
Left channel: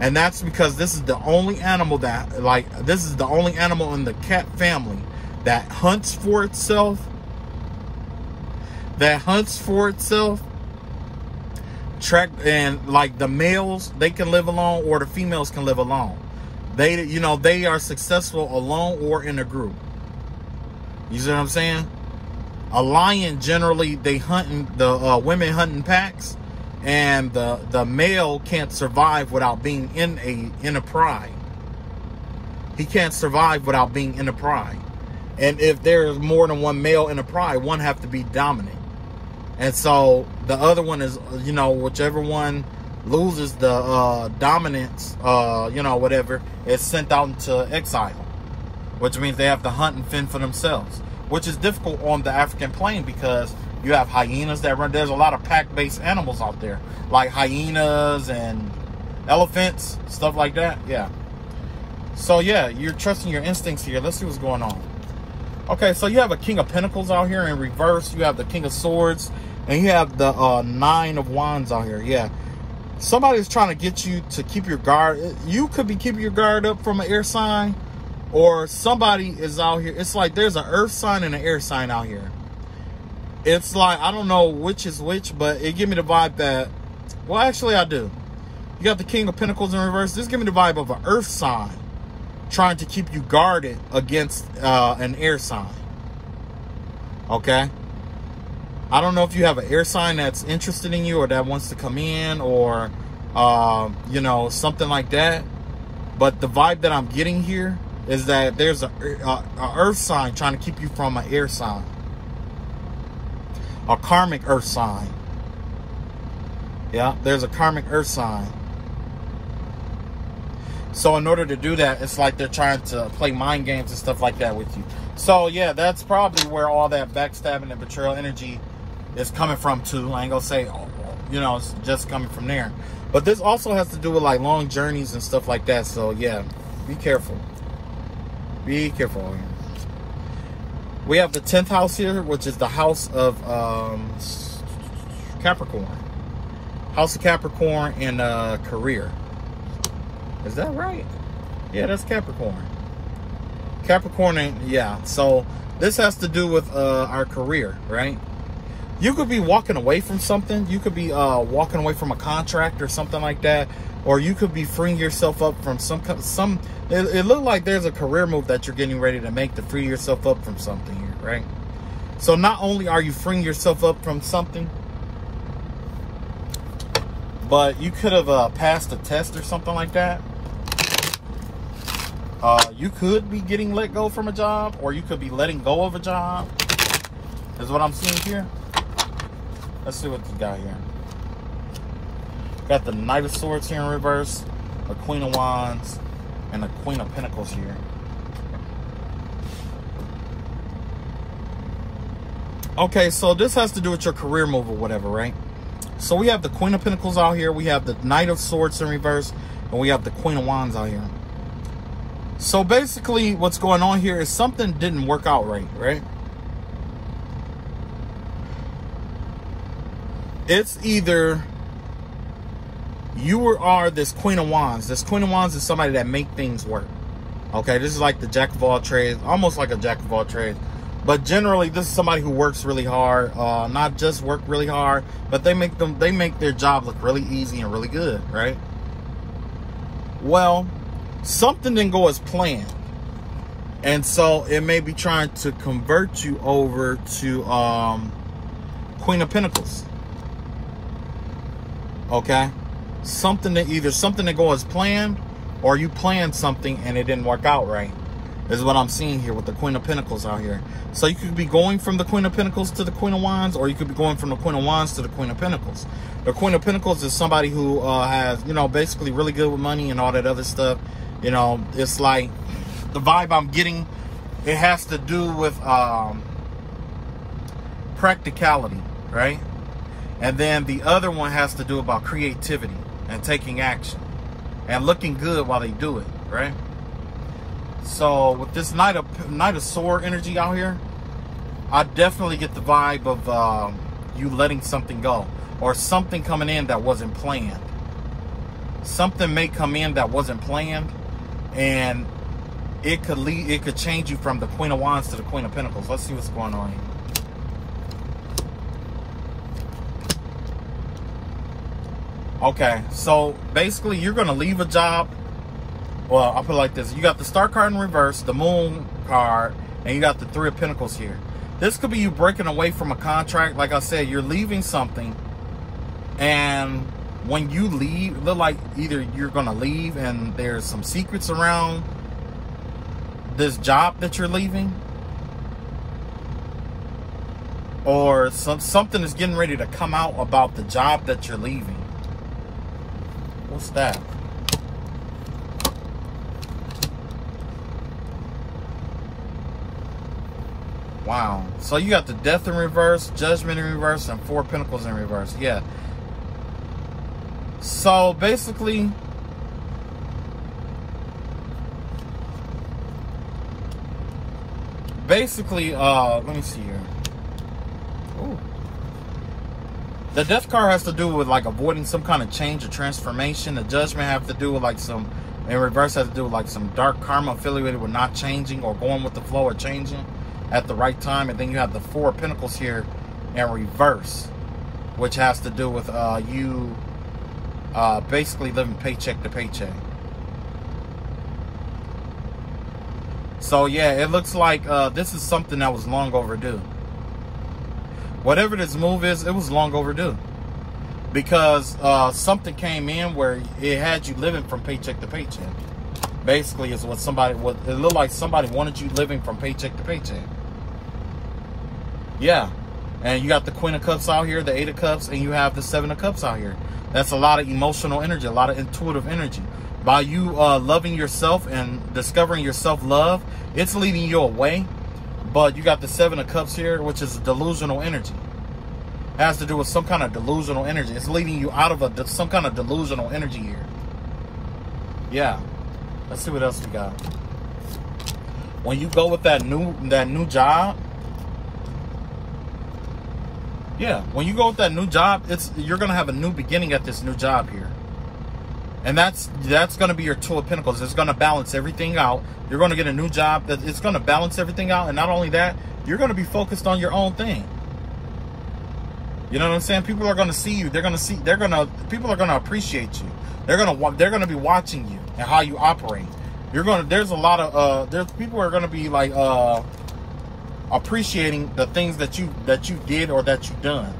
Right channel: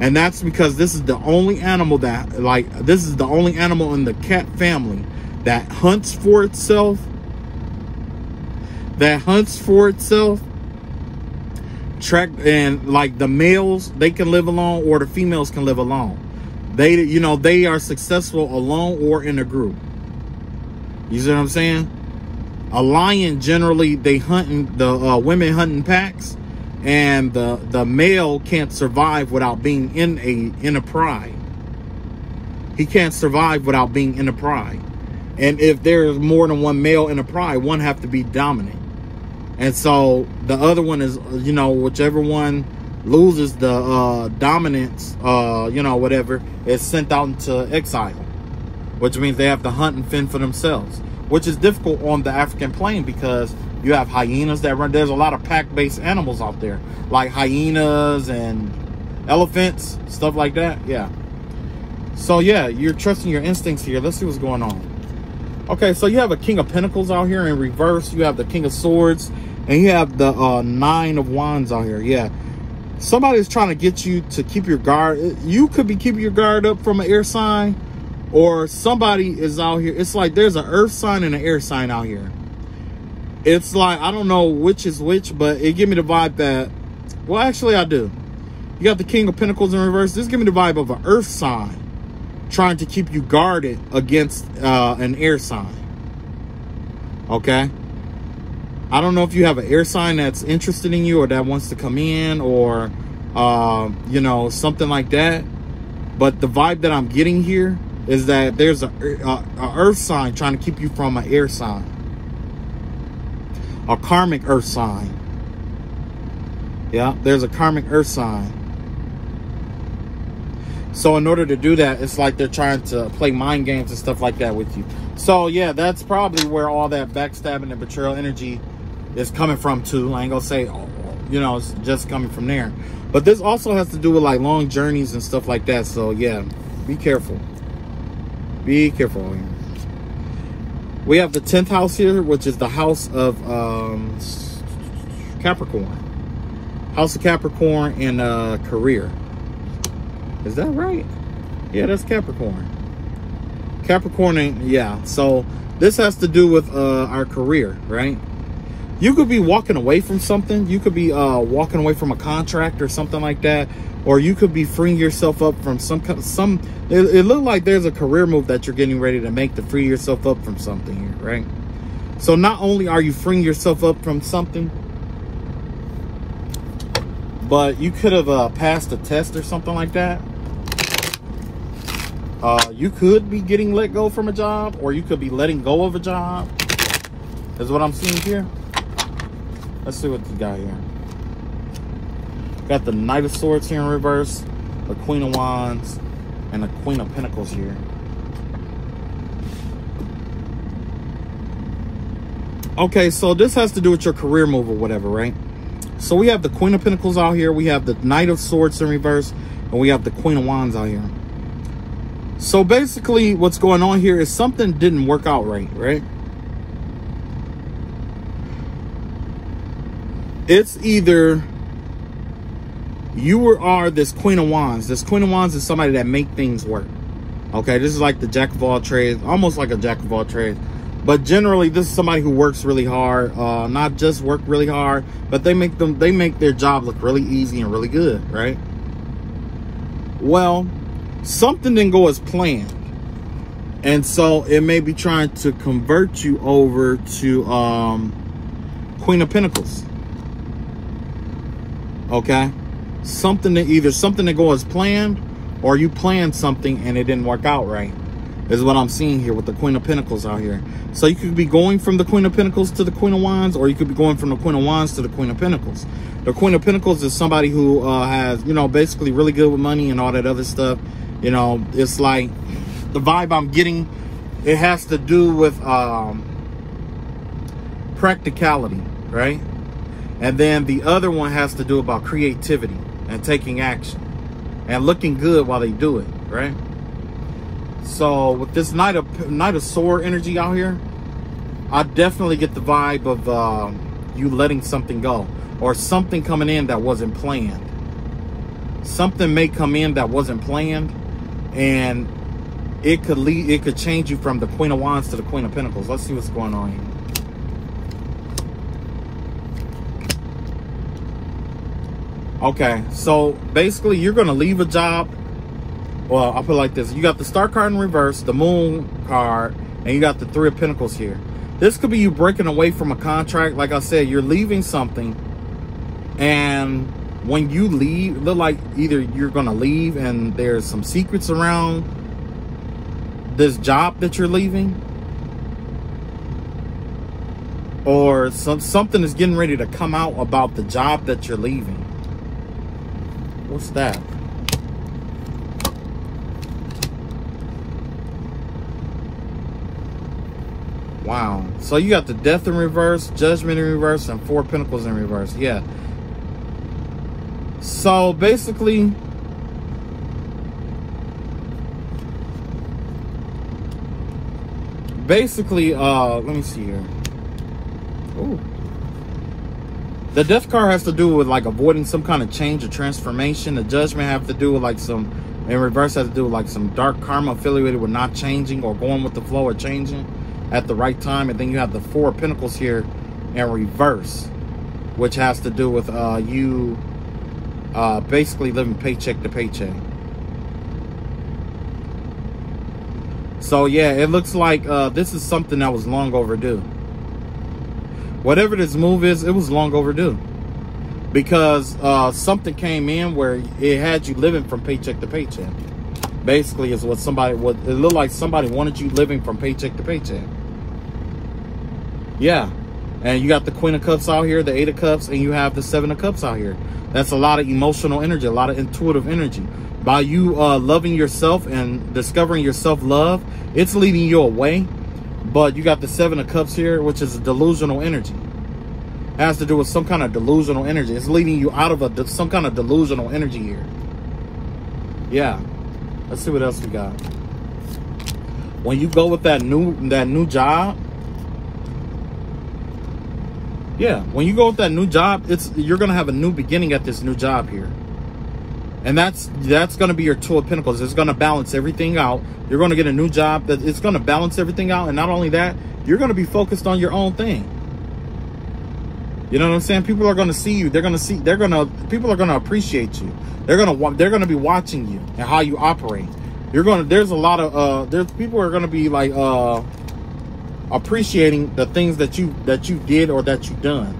And that's because this is the only animal that, like, this is the only animal in the cat family that hunts for itself, track, and like the males, they can live alone, or the females can live alone. They, you know, they are successful alone or in a group. You see what I'm saying? A lion, generally, they hunt, the women hunt in packs, and the male can't survive without being in a pride. He can't survive without being in a pride. And if there's more than one male in a pride, one have to be dominant. And so the other one is, you know, whichever one loses the dominance, you know, whatever, is sent out into exile, which means they have to hunt and fend for themselves, which is difficult on the African plain because you have hyenas that run. There's a lot of pack-based animals out there, like hyenas and elephants, stuff like that. Yeah. So yeah, you're trusting your instincts here. Let's see what's going on. Okay, so you have a King of Pentacles out here in reverse. You have the King of Swords, and you have the 9 of Wands out here. Yeah. Somebody is trying to get you to keep your guard. You could be keeping your guard up from an air sign, or somebody is out here. It's like there's an earth sign and an air sign out here. It's like, I don't know which is which, but it gives me the vibe that, well, actually I do. You got the King of Pentacles in reverse. This gives me the vibe of an earth sign trying to keep you guarded against an air sign. Okay? I don't know if you have an air sign that's interested in you or that wants to come in, or, you know, something like that. But the vibe that I'm getting here is that there's a earth sign trying to keep you from an air sign. A karmic earth sign. Yeah, there's a karmic earth sign. So in order to do that, it's like they're trying to play mind games and stuff like that with you. So yeah, that's probably where all that backstabbing and betrayal energy is coming from too. I ain't gonna say, you know, it's just coming from there. But this also has to do with like long journeys and stuff like that. So yeah, be careful. Be careful here. We have the 10th house here, which is the house of Capricorn. House of Capricorn and career. Is that right? Yeah, that's Capricorn. Capricorn, and yeah. So this has to do with our career, right? You could be walking away from something. You could be walking away from a contract or something like that. Or you could be freeing yourself up from it looks like there's a career move that you're getting ready to make to free yourself up from something here, right? So not only are you freeing yourself up from something, but you could have passed a test or something like that. You could be getting let go from a job, or you could be letting go of a job. Is what I'm seeing here. Let's see what you got here. Got the Knight of Swords here in reverse, the Queen of Wands, and the Queen of Pentacles here. Okay, so this has to do with your career move or whatever, right? So we have the Queen of Pentacles out here. We have the Knight of Swords in reverse. And we have the Queen of Wands out here. So basically what's going on here is something didn't work out right? It's either you are this Queen of Wands. This Queen of Wands is somebody that make things work. Okay, this is like the Jack of all trades, almost like a Jack of all trades. But generally, this is somebody who works really hard. Not just work really hard, but they make their job look really easy and really good, right? Well, something didn't go as planned. And so it may be trying to convert you over to Queen of Pentacles. Okay? Something that go as planned, or you planned something and it didn't work out right. Is what I'm seeing here with the Queen of Pentacles out here. So you could be going from the Queen of Pentacles to the Queen of Wands, or you could be going from the Queen of Wands to the Queen of Pentacles. The Queen of Pentacles is somebody who has, you know, basically really good with money and all that other stuff. You know, it's like the vibe I'm getting, it has to do with practicality, right? And then the other one has to do about creativity and taking action and looking good while they do it, right? So with this Knight of Sword energy out here, I definitely get the vibe of you letting something go, or something coming in that wasn't planned. Something may come in that wasn't planned, and it could change you from the Queen of Wands to the Queen of Pentacles. Let's see what's going on here. Okay, so basically you're gonna leave a job. Well, I'll put it like this. You got the Star card in reverse, the Moon card, and you got the Three of Pentacles here. This could be you breaking away from a contract. Like I said, you're leaving something. And when you leave, it look like either you're going to leave and there's some secrets around this job that you're leaving. Or something is getting ready to come out about the job that you're leaving. What's that? Wow. So you got the Death in reverse, Judgment in reverse, and Four Pentacles in reverse. Yeah. So basically, let me see here. Ooh. The Death card has to do with like avoiding some kind of change or transformation. The Judgment have to do with like some, in reverse has to do with like some dark karma affiliated with not changing or going with the flow or changing at the right time. And then you have the Four of Pentacles here in reverse, which has to do with you basically living paycheck to paycheck. So yeah, it looks like this is something that was long overdue. Whatever this move is, it was long overdue. Because something came in where it had you living from paycheck to paycheck. Basically is what it looked like somebody wanted you living from paycheck to paycheck. Yeah. And you got the Queen of Cups out here, the Eight of Cups, and you have the Seven of Cups out here. That's a lot of emotional energy, a lot of intuitive energy. By you loving yourself and discovering your self-love, it's leading you away. But you got the Seven of Cups here, which is a delusional energy. It has to do with some kind of delusional energy. It's leading you out of some kind of delusional energy here. Yeah. Let's see what else we got. When you go with that new job, yeah, when you go with that new job, you're gonna have a new beginning at this new job here. And that's going to be your Two of Pentacles. It's going to balance everything out. You're going to get a new job that it's going to balance everything out. And not only that, you're going to be focused on your own thing. You know what I'm saying? People are going to see you. People are going to appreciate you. They're going to be watching you and how you operate. There's a lot of, people are going to be like, appreciating the things that you did or that you've done.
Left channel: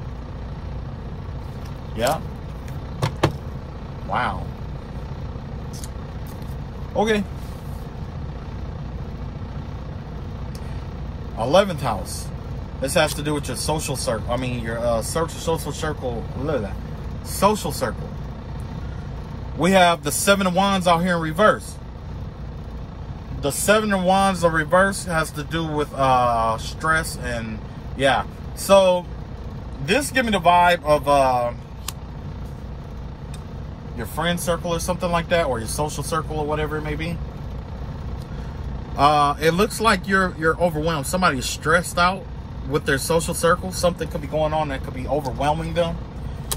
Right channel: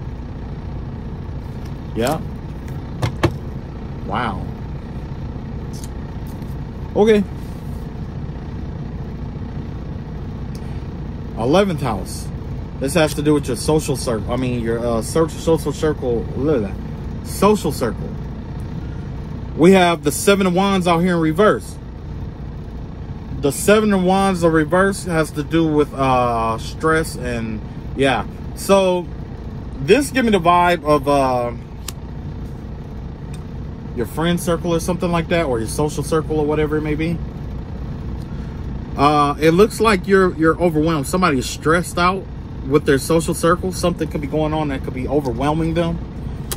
Yeah. Wow. Okay. 11th house. This has to do with your social circle. I mean, your social circle. Social circle. We have the Seven of Wands out here in reverse. The Seven of Wands in reverse has to do with stress and yeah. So this give me the vibe of your friend circle or something like that, or your social circle or whatever it may be. It looks like you're overwhelmed. Somebody is stressed out with their social circle. Something could be going on that could be overwhelming them.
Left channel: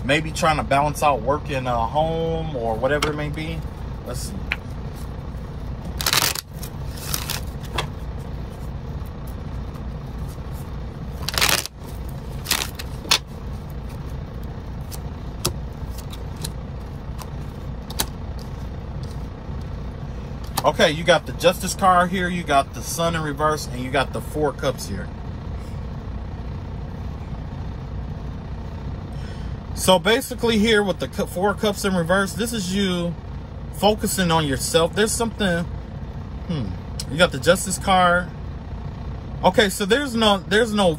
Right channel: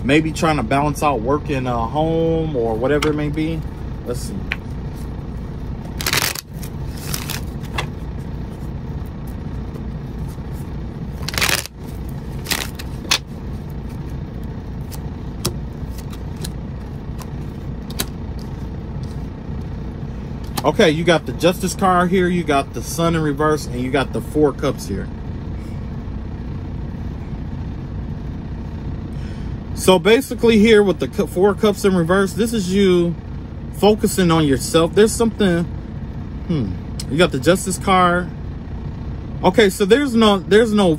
Maybe trying to balance out work in a home or whatever it may be. Let's see. Okay, you got the Justice card here, you got the Sun in reverse, and you got the Four Cups here. So basically here with the Four Cups in reverse, this is you focusing on yourself. There's something, you got the Justice card. Okay, so there's no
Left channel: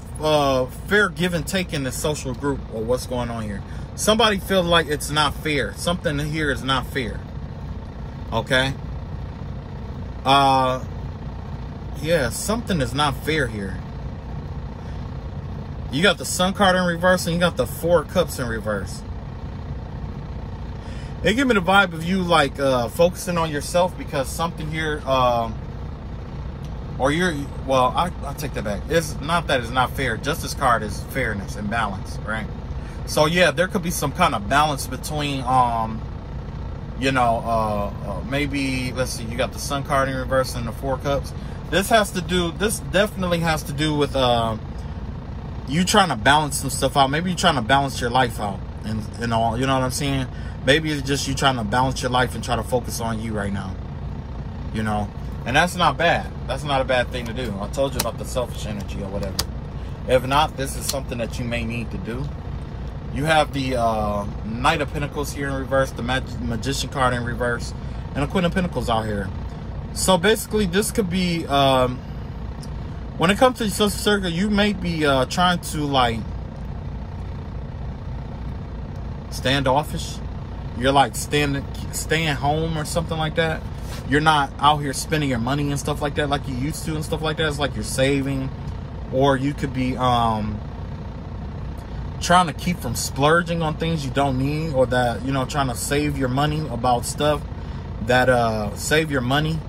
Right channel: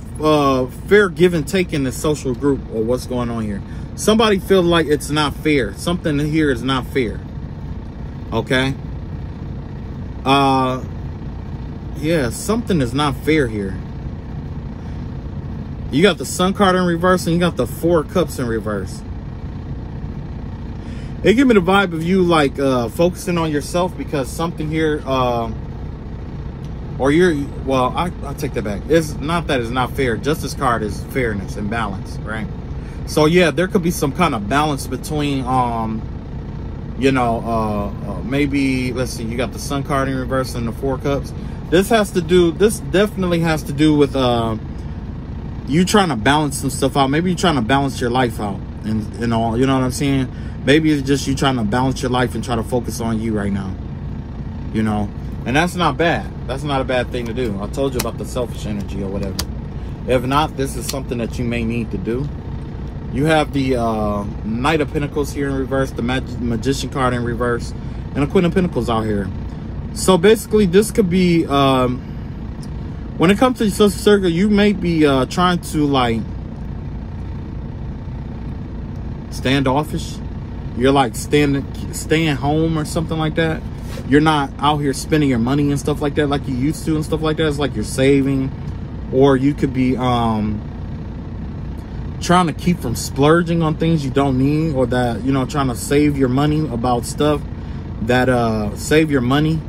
fair give and take in the social group or what's going on here. Somebody feels like it's not fair. Something here is not fair. Okay. Yeah, something is not fair here. You got the Sun card in reverse and you got the Four Cups in reverse. They give me the vibe of you like focusing on yourself because something here, or you're, well, I take that back. It's not that it's not fair. Justice card is fairness and balance, right? So yeah, there could be some kind of balance between, you know, maybe, let's see, you got the Sun card in reverse and the Four Cups. This definitely has to do with you trying to balance some stuff out. Maybe you're trying to balance your life out and all, you know what I'm saying? Maybe it's just you trying to balance your life and try to focus on you right now, you know? And that's not bad. That's not a bad thing to do. I told you about the selfish energy or whatever. If not, this is something that you may need to do. You have the Knight of Pentacles here in reverse, the Magician card in reverse, and the Queen of Pentacles out here. So basically, this could be, when it comes to your social circle, you may be trying to like standoffish. You're like staying home or something like that. You're not out here spending your money and stuff like that like you used to and stuff like that. It's like you're saving, or you could be trying to keep from splurging on things you don't need, or that, you know, trying to save your money about stuff that save your money,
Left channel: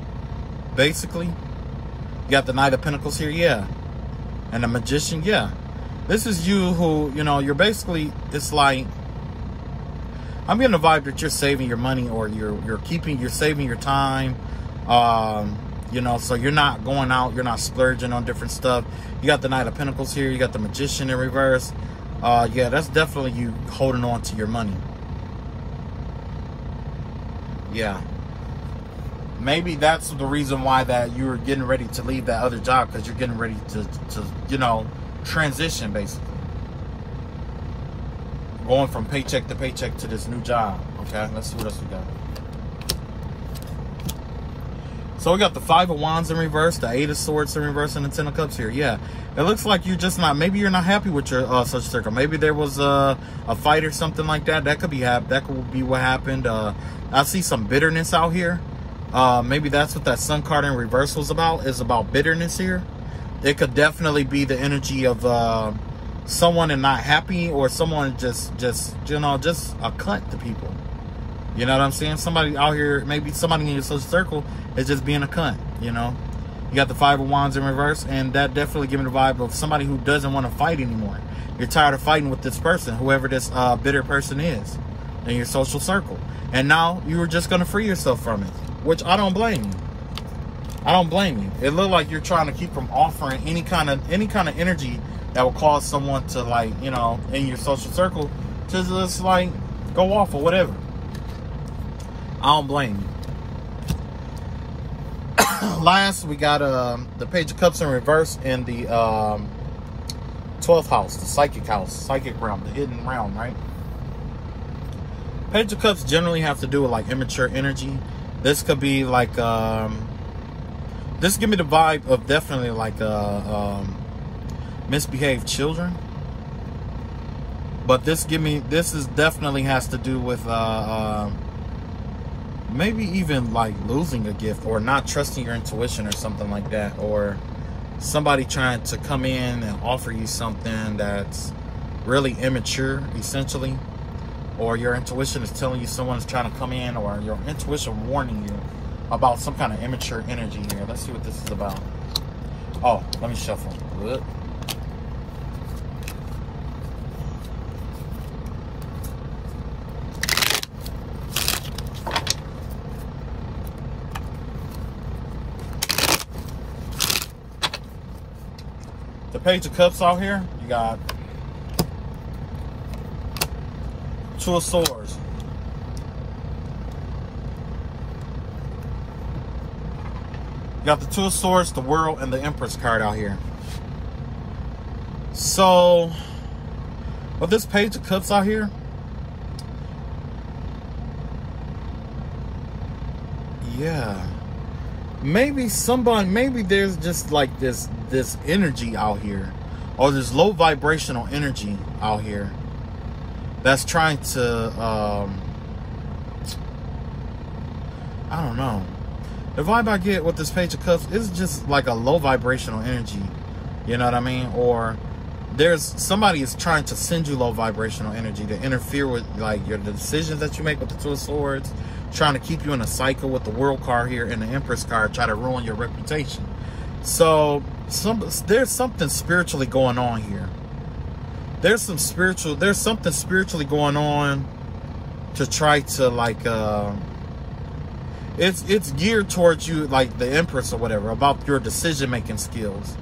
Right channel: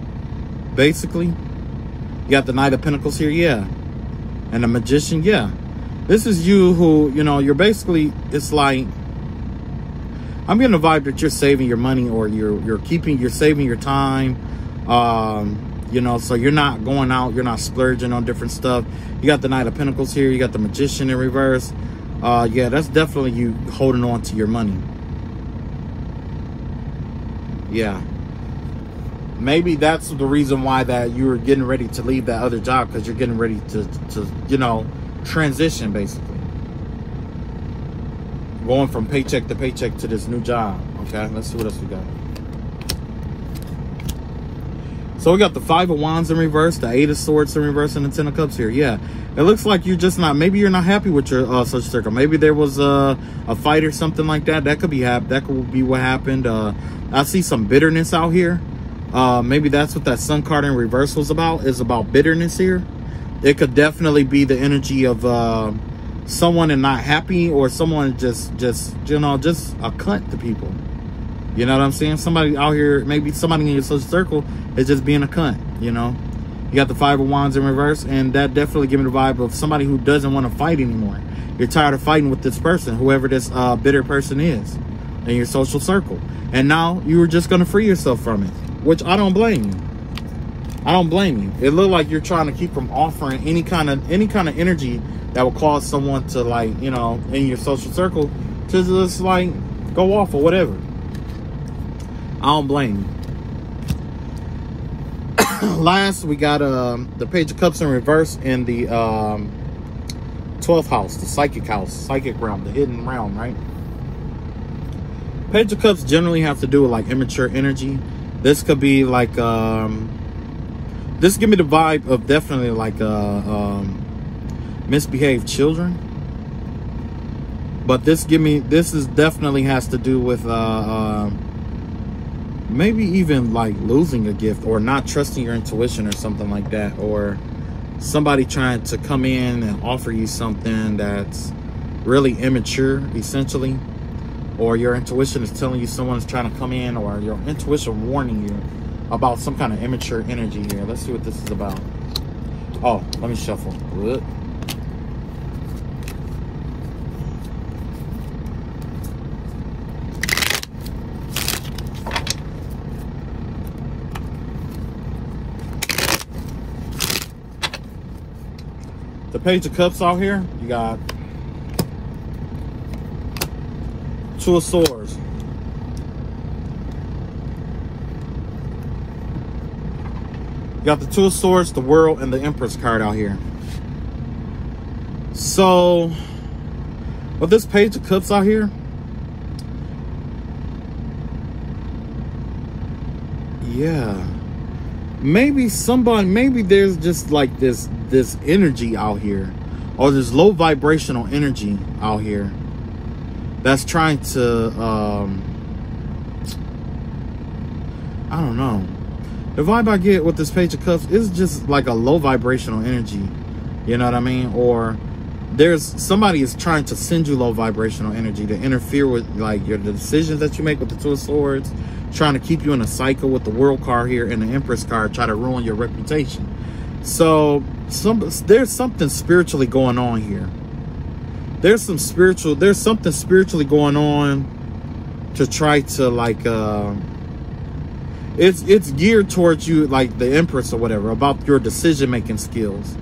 basically. You got the Knight of Pentacles here, yeah. And the Magician, yeah. This is you who, you know, you're basically, it's like, I'm getting a vibe that you're saving your money, or you're saving your time. You know, so you're not going out, you're not splurging on different stuff. You got the Knight of Pentacles here, you got the Magician in reverse. Yeah, that's definitely you holding on to your money. Yeah. Maybe that's the reason why that you're getting ready to leave that other job, because you're getting ready to, you know, transition, basically. Going from paycheck to paycheck to this new job. Okay, let's see what else we got. So we got the Five of Wands in reverse, the Eight of Swords in reverse, and the Ten of Cups here. Yeah, it looks like you're just not, maybe you're not happy with your social circle. Maybe there was a fight or something like that. That could be what happened. I see some bitterness out here. Maybe that's what that Sun card in reverse was about, is about bitterness here. It could definitely be the energy of someone and not happy, or someone just you know, just a cunt to people. You know what I'm saying? Somebody out here, maybe somebody in your social circle is just being a cunt, you know? You got the Five of Wands in reverse, and that definitely gives me the vibe of somebody who doesn't want to fight anymore. You're tired of fighting with this person, whoever this bitter person is in your social circle. And now you're just going to free yourself from it, which I don't blame you. I don't blame you. It looked like you're trying to keep from offering any kind of energy that will cause someone to, like, you know, in your social circle to just like go off or whatever. I don't blame you. Last, we got the Page of Cups in reverse in the 12th house, the psychic house, psychic realm, the hidden realm, right? Page of Cups generally have to do with like immature energy. This could be like, this give me the vibe of definitely like misbehaved children. But this is definitely has to do with maybe even like losing a gift, or not trusting your intuition or something like that, or somebody trying to come in and offer you something that's really immature, essentially, or your intuition is telling you someone's trying to come in, or your intuition warning you about some kind of immature energy here. Let's see what this is about. Oh, let me shuffle. Good. The Page of Cups out here, you got Two of Swords. You got the Two of Swords, the World, and the Empress card out here. So, with this Page of Cups out here, yeah, maybe there's just like this energy out here, or this low vibrational energy out here that's trying to, I don't know. The vibe I get with this Page of Cups is just like a low vibrational energy. You know what I mean? Or somebody is trying to send you low vibrational energy to interfere with like the decisions that you make with the Two of Swords, trying to keep you in a cycle with the World card here and the Empress card, try to ruin your reputation. So there's something spiritually going on here. There's something spiritually going on to try to like, it's geared towards you, like the Empress or whatever, about your decision-making skills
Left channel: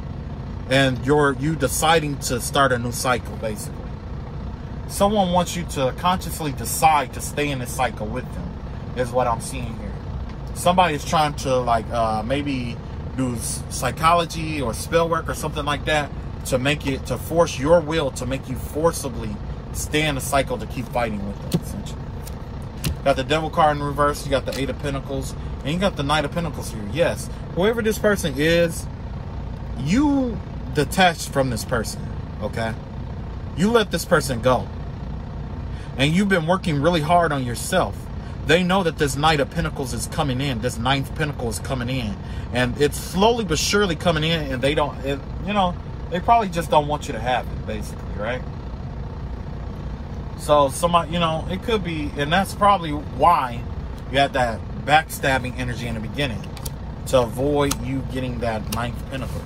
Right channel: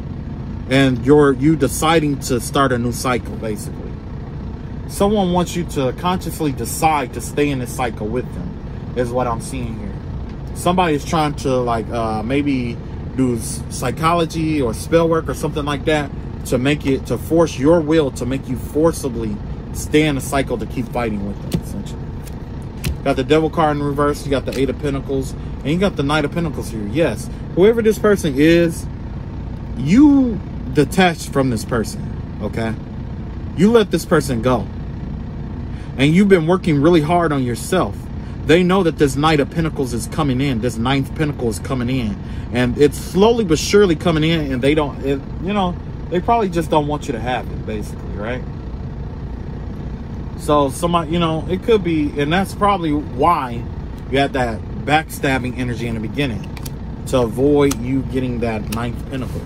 and you deciding to start a new cycle, basically. Someone wants you to consciously decide to stay in this cycle with them, is what I'm seeing here. Somebody is trying to like, maybe do psychology or spell work or something like that to force your will to make you forcibly stay in the cycle to keep fighting with them, essentially. Got the Devil card in reverse, you got the Eight of Pentacles, and you got the Knight of Pentacles here. Yes, whoever this person is, you detach from this person, okay? You let this person go. And you've been working really hard on yourself. They know that this Knight of Pentacles is coming in, this Ninth Pentacle is coming in, and it's slowly but surely coming in, and they don't, you know, they probably just don't want you to have it, basically, right? So somebody, you know, it could be, and that's probably why you had that backstabbing energy in the beginning, to avoid you getting that Ninth Pentacle.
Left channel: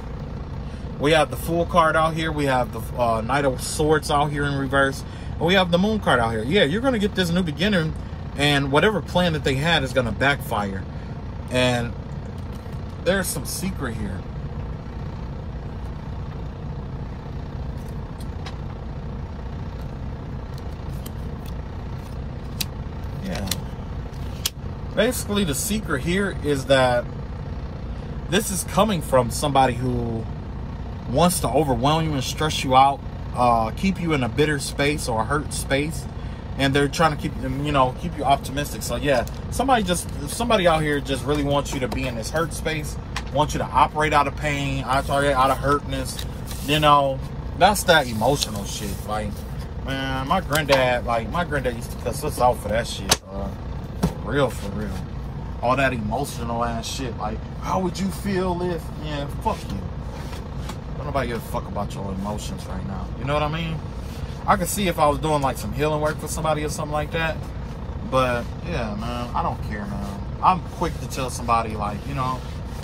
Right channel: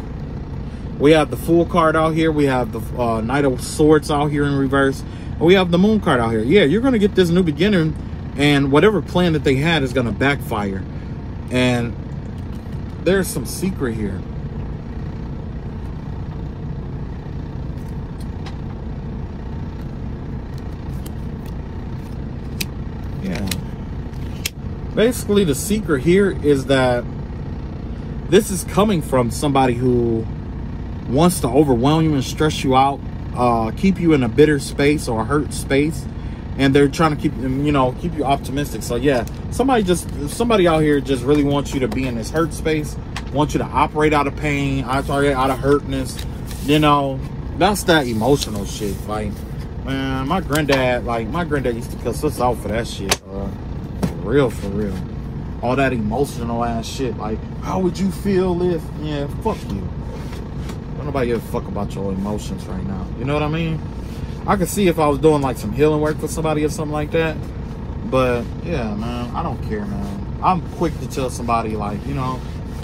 We have the Fool card out here. We have the Knight of Swords out here in reverse. And we have the Moon card out here. Yeah, you're going to get this new beginning, and whatever plan that they had is going to backfire. And there's some secret here. Basically, the secret here is that this is coming from somebody who wants to overwhelm you and stress you out, keep you in a bitter space or a hurt space, and they're trying to keep you optimistic. So yeah, somebody out here just really wants you to be in this hurt space, wants you to operate out of pain, operate out of hurtness. You know, that's that emotional shit. Like, man, my granddad used to cuss us out for that shit, bro. For real. All that emotional ass shit. Like, how would you feel if, yeah, fuck you. Nobody give a fuck about your emotions right now. You know what I mean? I could see if I was doing like some healing work for somebody or something like that. But yeah, man, I don't care, man. I'm quick to tell somebody, like, you know,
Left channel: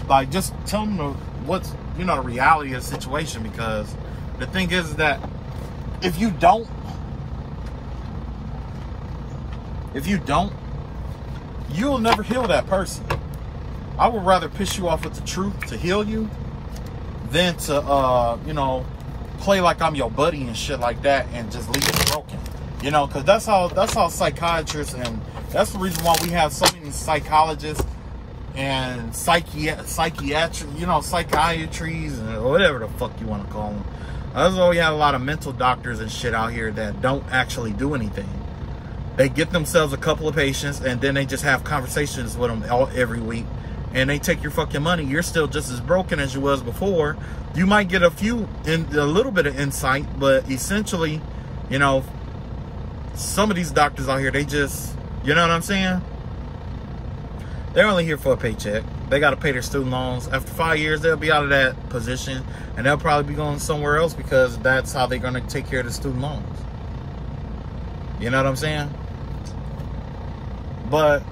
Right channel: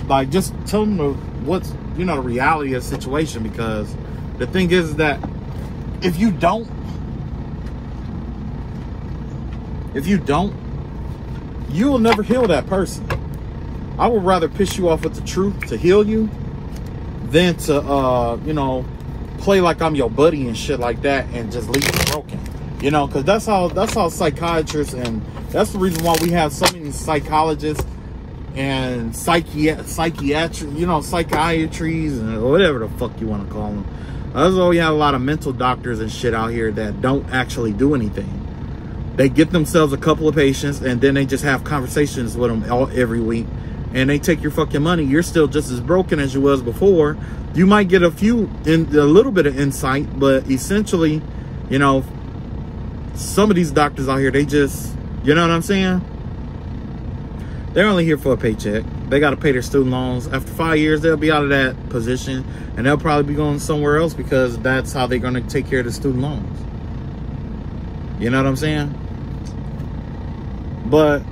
like, just tell them what's, you know, the reality of the situation, because the thing is that if you don't, you will never heal that person. I would rather piss you off with the truth to heal you than to, you know, play like I'm your buddy and shit like that and just leave you broken. You know, because that's how psychiatrists, and that's the reason why we have so many psychologists and psychiatry, you know, psychiatries and whatever the fuck you want to call them. That's why we have a lot of mental doctors and shit out here that don't actually do anything. They get themselves a couple of patients, and then they just have conversations with them every week, and they take your fucking money. You're still just as broken as you was before. You might get a little bit of insight, but essentially, you know, some of these doctors out here, they just, you know what I'm saying? They're only here for a paycheck. they got to pay their student loans. After 5 years, they'll be out of that position, and they'll probably be going somewhere else because that's how they're going to take care of the student loans. You know what I'm saying? But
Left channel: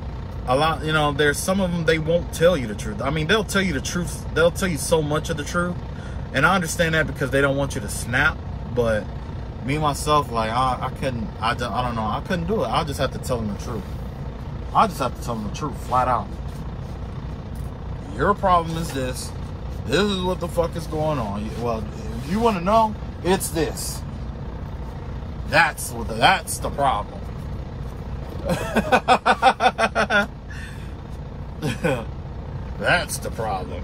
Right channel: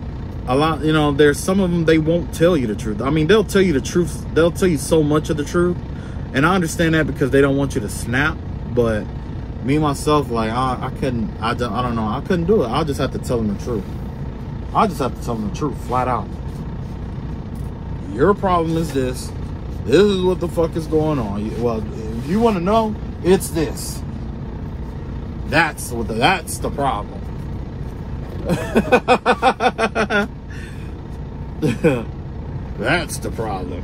a lot, you know, there's some of them, they won't tell you the truth. I mean, they'll tell you the truth. They'll tell you so much of the truth. And I understand that because they don't want you to snap. But me, myself, like, I don't know. I couldn't do it. I'll just have to tell them the truth. I just have to tell them the truth, flat out. Your problem is this. This is what the fuck is going on. Well, if you want to know, it's this. That's the problem. That's the problem.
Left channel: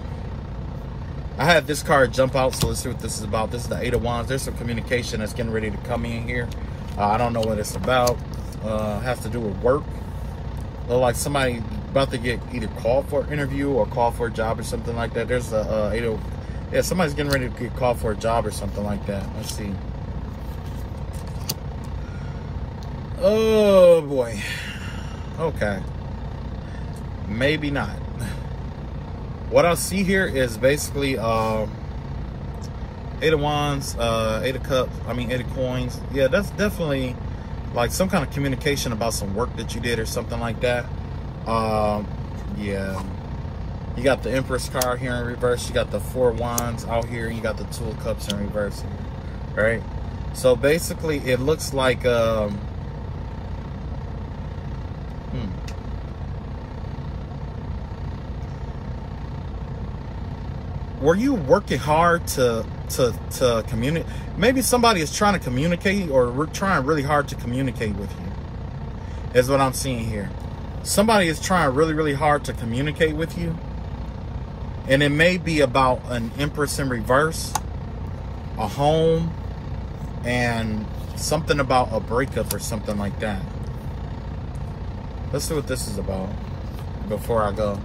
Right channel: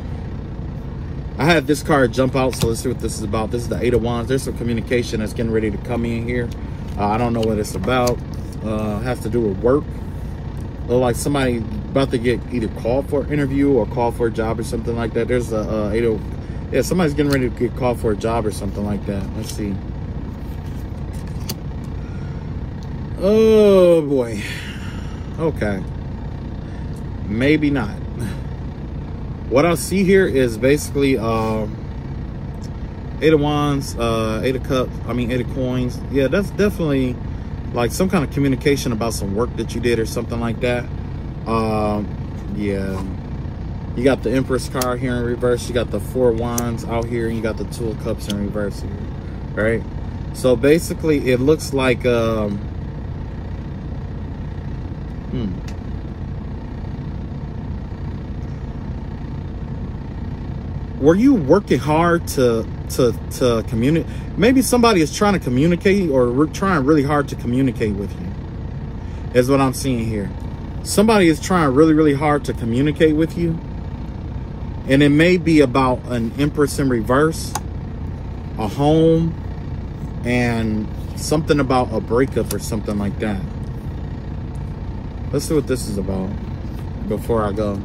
I had this card jump out, so let's see what this is about. This is the Eight of Wands. There's some communication that's getting ready to come in here. I don't know what it's about. Has to do with work. Look like somebody about to get either called for an interview or called for a job or something like that. There's the yeah, somebody's getting ready to get called for a job or something like that. Let's see. Oh boy. Okay. Maybe not. What I see here is basically Eight of Wands, Eight of Cups, Eight of Coins. Yeah, that's definitely like some kind of communication about some work that you did or something like that. Yeah. You got the Empress card here in reverse. You got the Four of Wands out here, and you got the Two of Cups in reverse here, right? So basically, it looks like were you working hard to communicate? Maybe somebody is trying to communicate, or trying really hard to communicate with you. Is what I'm seeing here. Somebody is trying really, really hard to communicate with you. And it may be about an Empress in reverse, a home, and something about a breakup or something like that. Let's see what this is about before I go.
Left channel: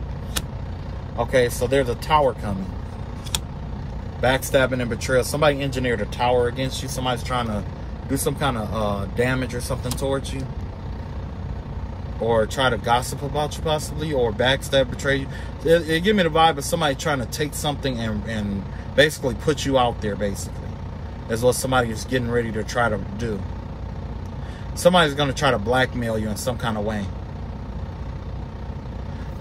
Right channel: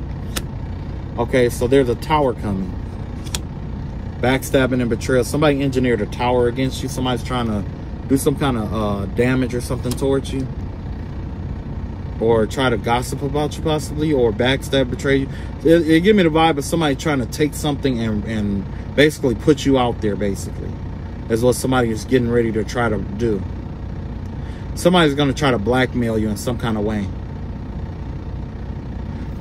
Okay, so there's a tower coming. Backstabbing and betrayal. Somebody engineered a tower against you. Somebody's trying to do some kind of damage or something towards you. Or try to gossip about you possibly. Or backstab, betray you. It give me the vibe of somebody trying to take something and basically put you out there, basically. That's what somebody is getting ready to try to do. Somebody's going to try to blackmail you in some kind of way.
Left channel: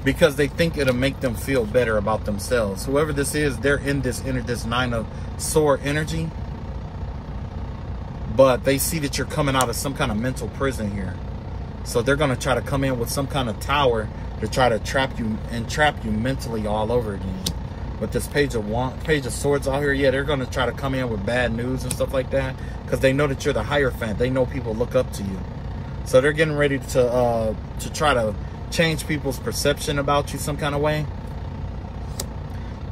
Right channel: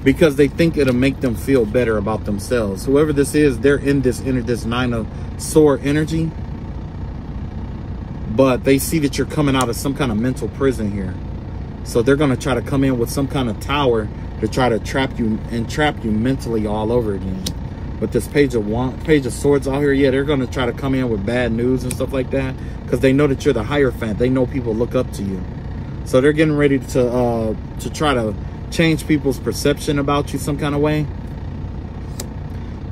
Because they think it'll make them feel better about themselves. Whoever this is, they're in this Nine of Sword energy. But they see that you're coming out of some kind of mental prison here. So they're going to try to come in with some kind of tower to try to trap you mentally all over again. With this Page of Swords out here, yeah, they're going to try to come in with bad news and stuff like that. Because they know that you're the Hierophant. They know people look up to you. So they're getting ready to try to change people's perception about you some kind of way.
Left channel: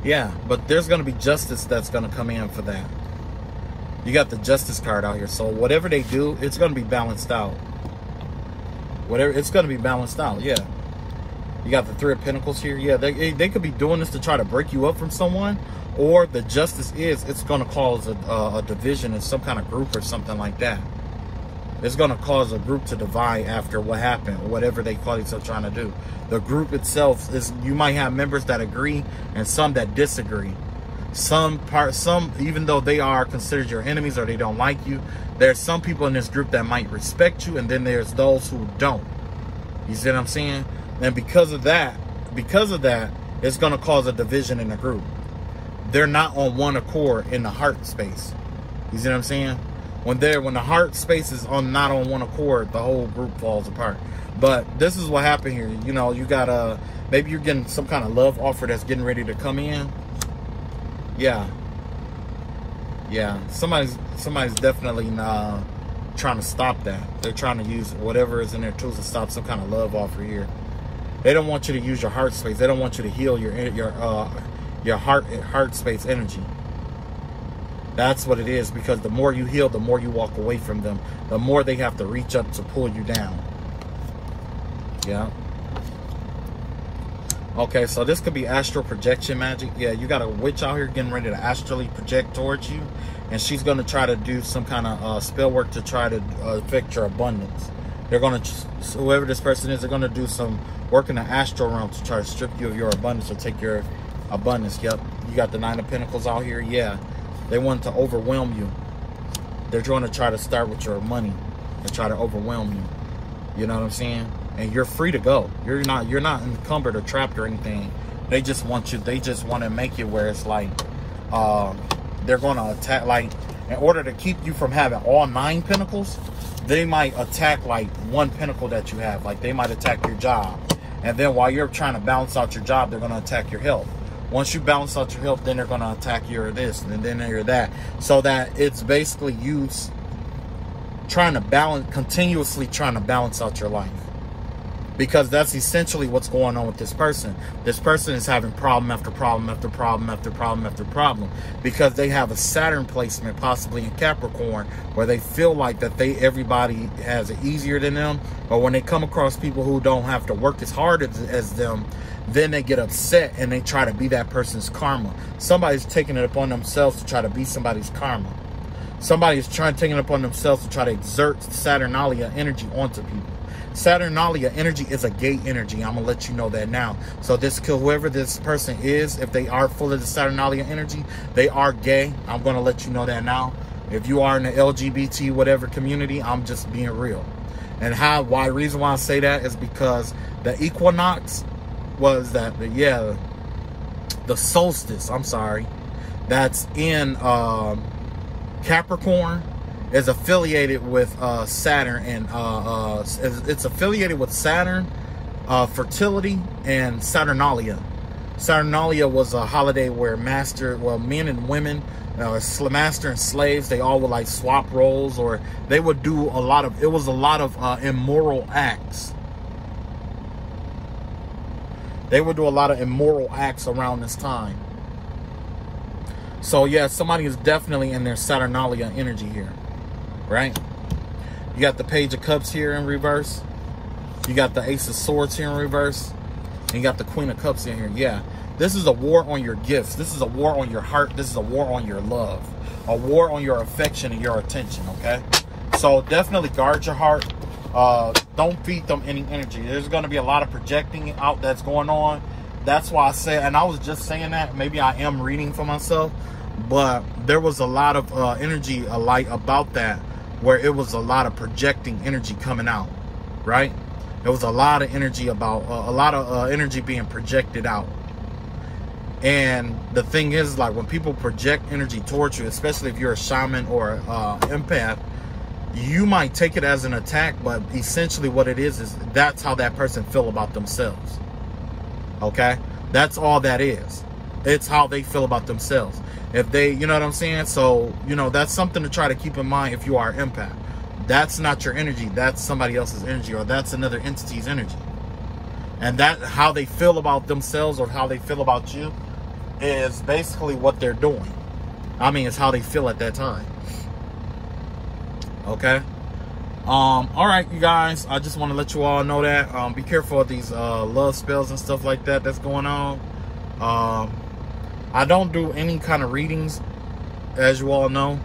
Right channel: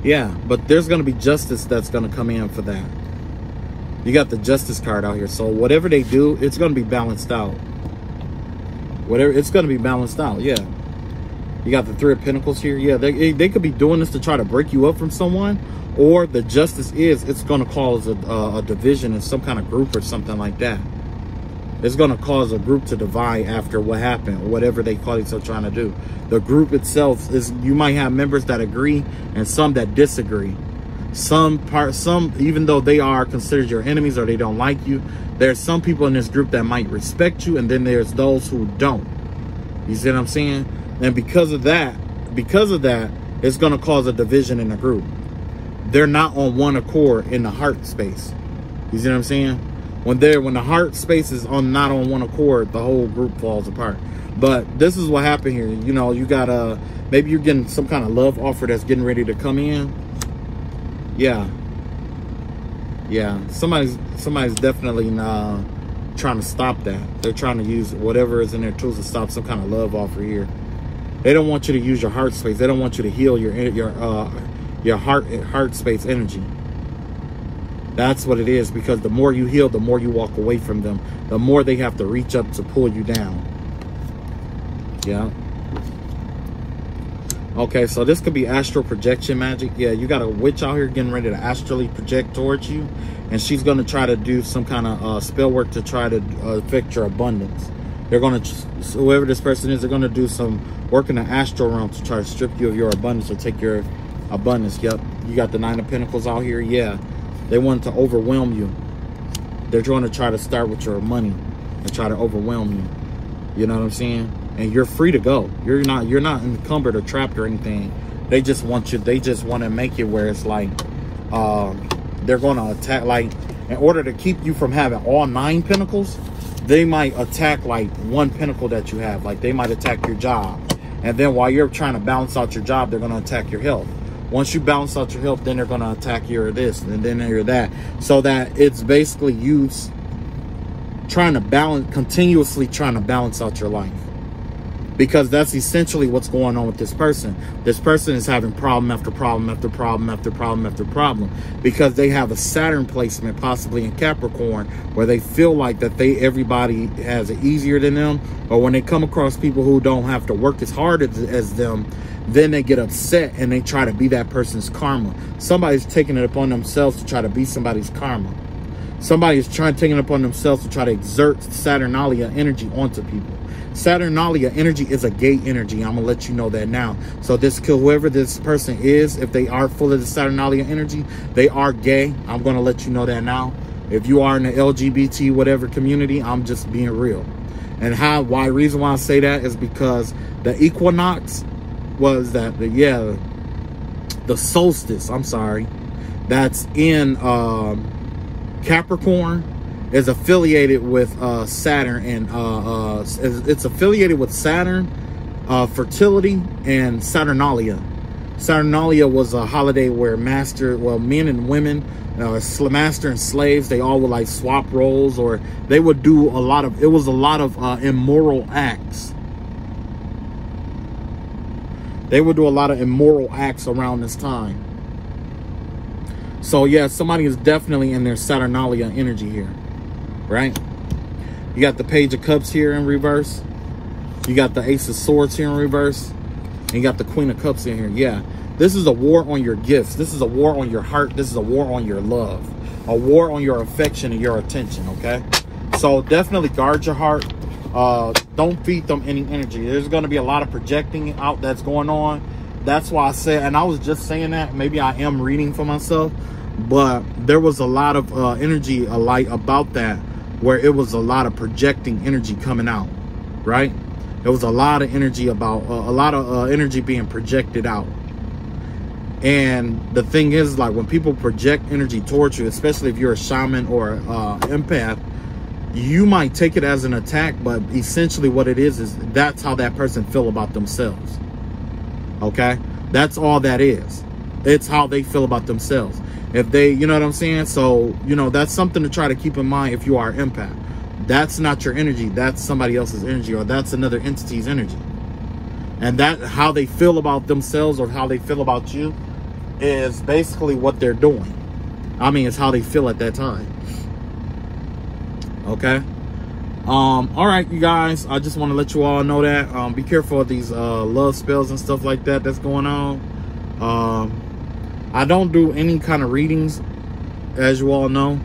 Yeah, but there's going to be justice that's going to come in for that. You got the Justice card out here. So whatever they do, it's going to be balanced out. It's going to be balanced out, yeah. You got the Three of Pentacles here. Yeah, they could be doing this to try to break you up from someone. Or the justice is, it's going to cause a division in some kind of group or something like that. It's going to cause a group to divide after what happened, or whatever they call themselves trying to do. The group itself is, you might have members that agree and some that disagree. Some, even though they are considered your enemies or they don't like you, there's some people in this group that might respect you, and then there's those who don't. You see what I'm saying? And because of that, it's going to cause a division in the group. They're not on one accord in the heart space. You see what I'm saying? When the heart space is not on one accord, the whole group falls apart. But this is what happened here. You know, you got maybe you're getting some kind of love offer that's getting ready to come in. Yeah. Yeah. Somebody's definitely trying to stop that. They're trying to use whatever is in their tools to stop some kind of love offer here. They don't want you to use your heart space. They don't want you to heal your heart space energy. That's what it is, because the more you heal, the more you walk away from them. The more they have to reach up to pull you down. Yeah. Okay, so this could be astral projection magic. Yeah, you got a witch out here getting ready to astrally project towards you. And she's going to try to do some kind of spell work to try to affect your abundance. They're gonna, whoever this person is, they're gonna do some work in the astral realm to try to strip you of your abundance or take your abundance. Yep, you got the 9 of Pentacles out here. Yeah, they want to overwhelm you. They're going to try to start with your money and try to overwhelm you. You know what I'm saying? And you're free to go. You're not encumbered or trapped or anything. They just want you. They just want to make it where it's like they're going to attack. Like, in order to keep you from having all 9 pentacles, they might attack like 1 pentacle that you have. Like, they might attack your job. And then while you're trying to balance out your job, they're going to attack your health. Once you balance out your health, then they're going to attack your this and then your that. So that it's basically you trying to balance, continuously trying to balance out your life. Because that's essentially what's going on with this person. This person is having problem after problem after problem after problem after problem, because they have a Saturn placement possibly in Capricorn, where they feel like that everybody has it easier than them, or when they come across people who don't have to work as hard as them, then they get upset and they try to be that person's karma. Somebody's taking it upon themselves to try to be somebody's karma. Somebody's taking it upon themselves to try to exert Saturnalia energy onto people. Saturnalia energy is a gay energy. I'm gonna let you know that now. So whoever this person is, if they are full of the Saturnalia energy, they are gay. I'm gonna let you know that now. If you are in the LGBT whatever community, I'm just being real. And reason why I say that is because the equinox was that the solstice, I'm sorry, that's in Capricorn, is affiliated with Saturn, and it's affiliated with Saturn, fertility, and Saturnalia. Saturnalia was a holiday where men and women, master and slaves, they all would like swap roles, or they would do it was a lot of immoral acts. They would do a lot of immoral acts around this time. So yeah, somebody is definitely in their Saturnalia energy here. Right? You got the Page of Cups here in reverse. You got the Ace of Swords here in reverse. And you got the Queen of Cups in here. Yeah. This is a war on your gifts. This is a war on your heart. This is a war on your love. A war on your affection and your attention, okay? So definitely guard your heart. Don't feed them any energy. There's going to be a lot of projecting out that's going on. That's why I said, and I was just saying that, maybe I am reading for myself, but there was a lot of energy about that, where it was a lot of projecting energy coming out, right? There was a lot of energy energy being projected out. And the thing is, like, when people project energy towards you, especially if you're a shaman or empath, you might take it as an attack, but essentially what it is that's how that person feel about themselves. Okay? That's all that is. It's how they feel about themselves. If they, you know what I'm saying? So, you know, that's something to try to keep in mind if you are an empath. That's not your energy. That's somebody else's energy, or that's another entity's energy. And that, how they feel about themselves or how they feel about you, is basically what they're doing. I mean, it's how they feel at that time. Okay? All right, you guys. I just want to let you all know that. Be careful of these love spells and stuff like that that's going on. I don't do any kind of readings, as you all know.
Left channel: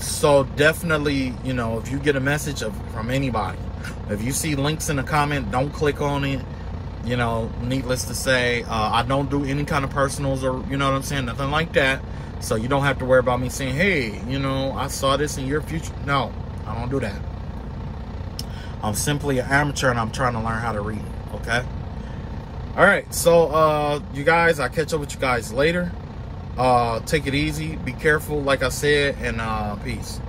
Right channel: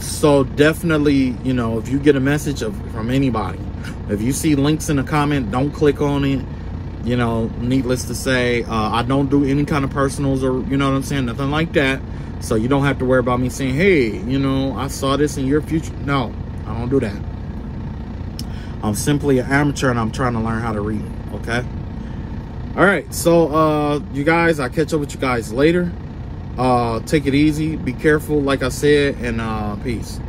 So definitely, you know, if you get a message from anybody, if you see links in the comment, don't click on it. You know, needless to say, I don't do any kind of personals, or, you know what I'm saying, nothing like that. So you don't have to worry about me saying, hey, you know, I saw this in your future. No, I don't do that. I'm simply an amateur, and I'm trying to learn how to read, okay? All right, so you guys, I'll catch up with you guys later. Take it easy, be careful, like I said, and peace.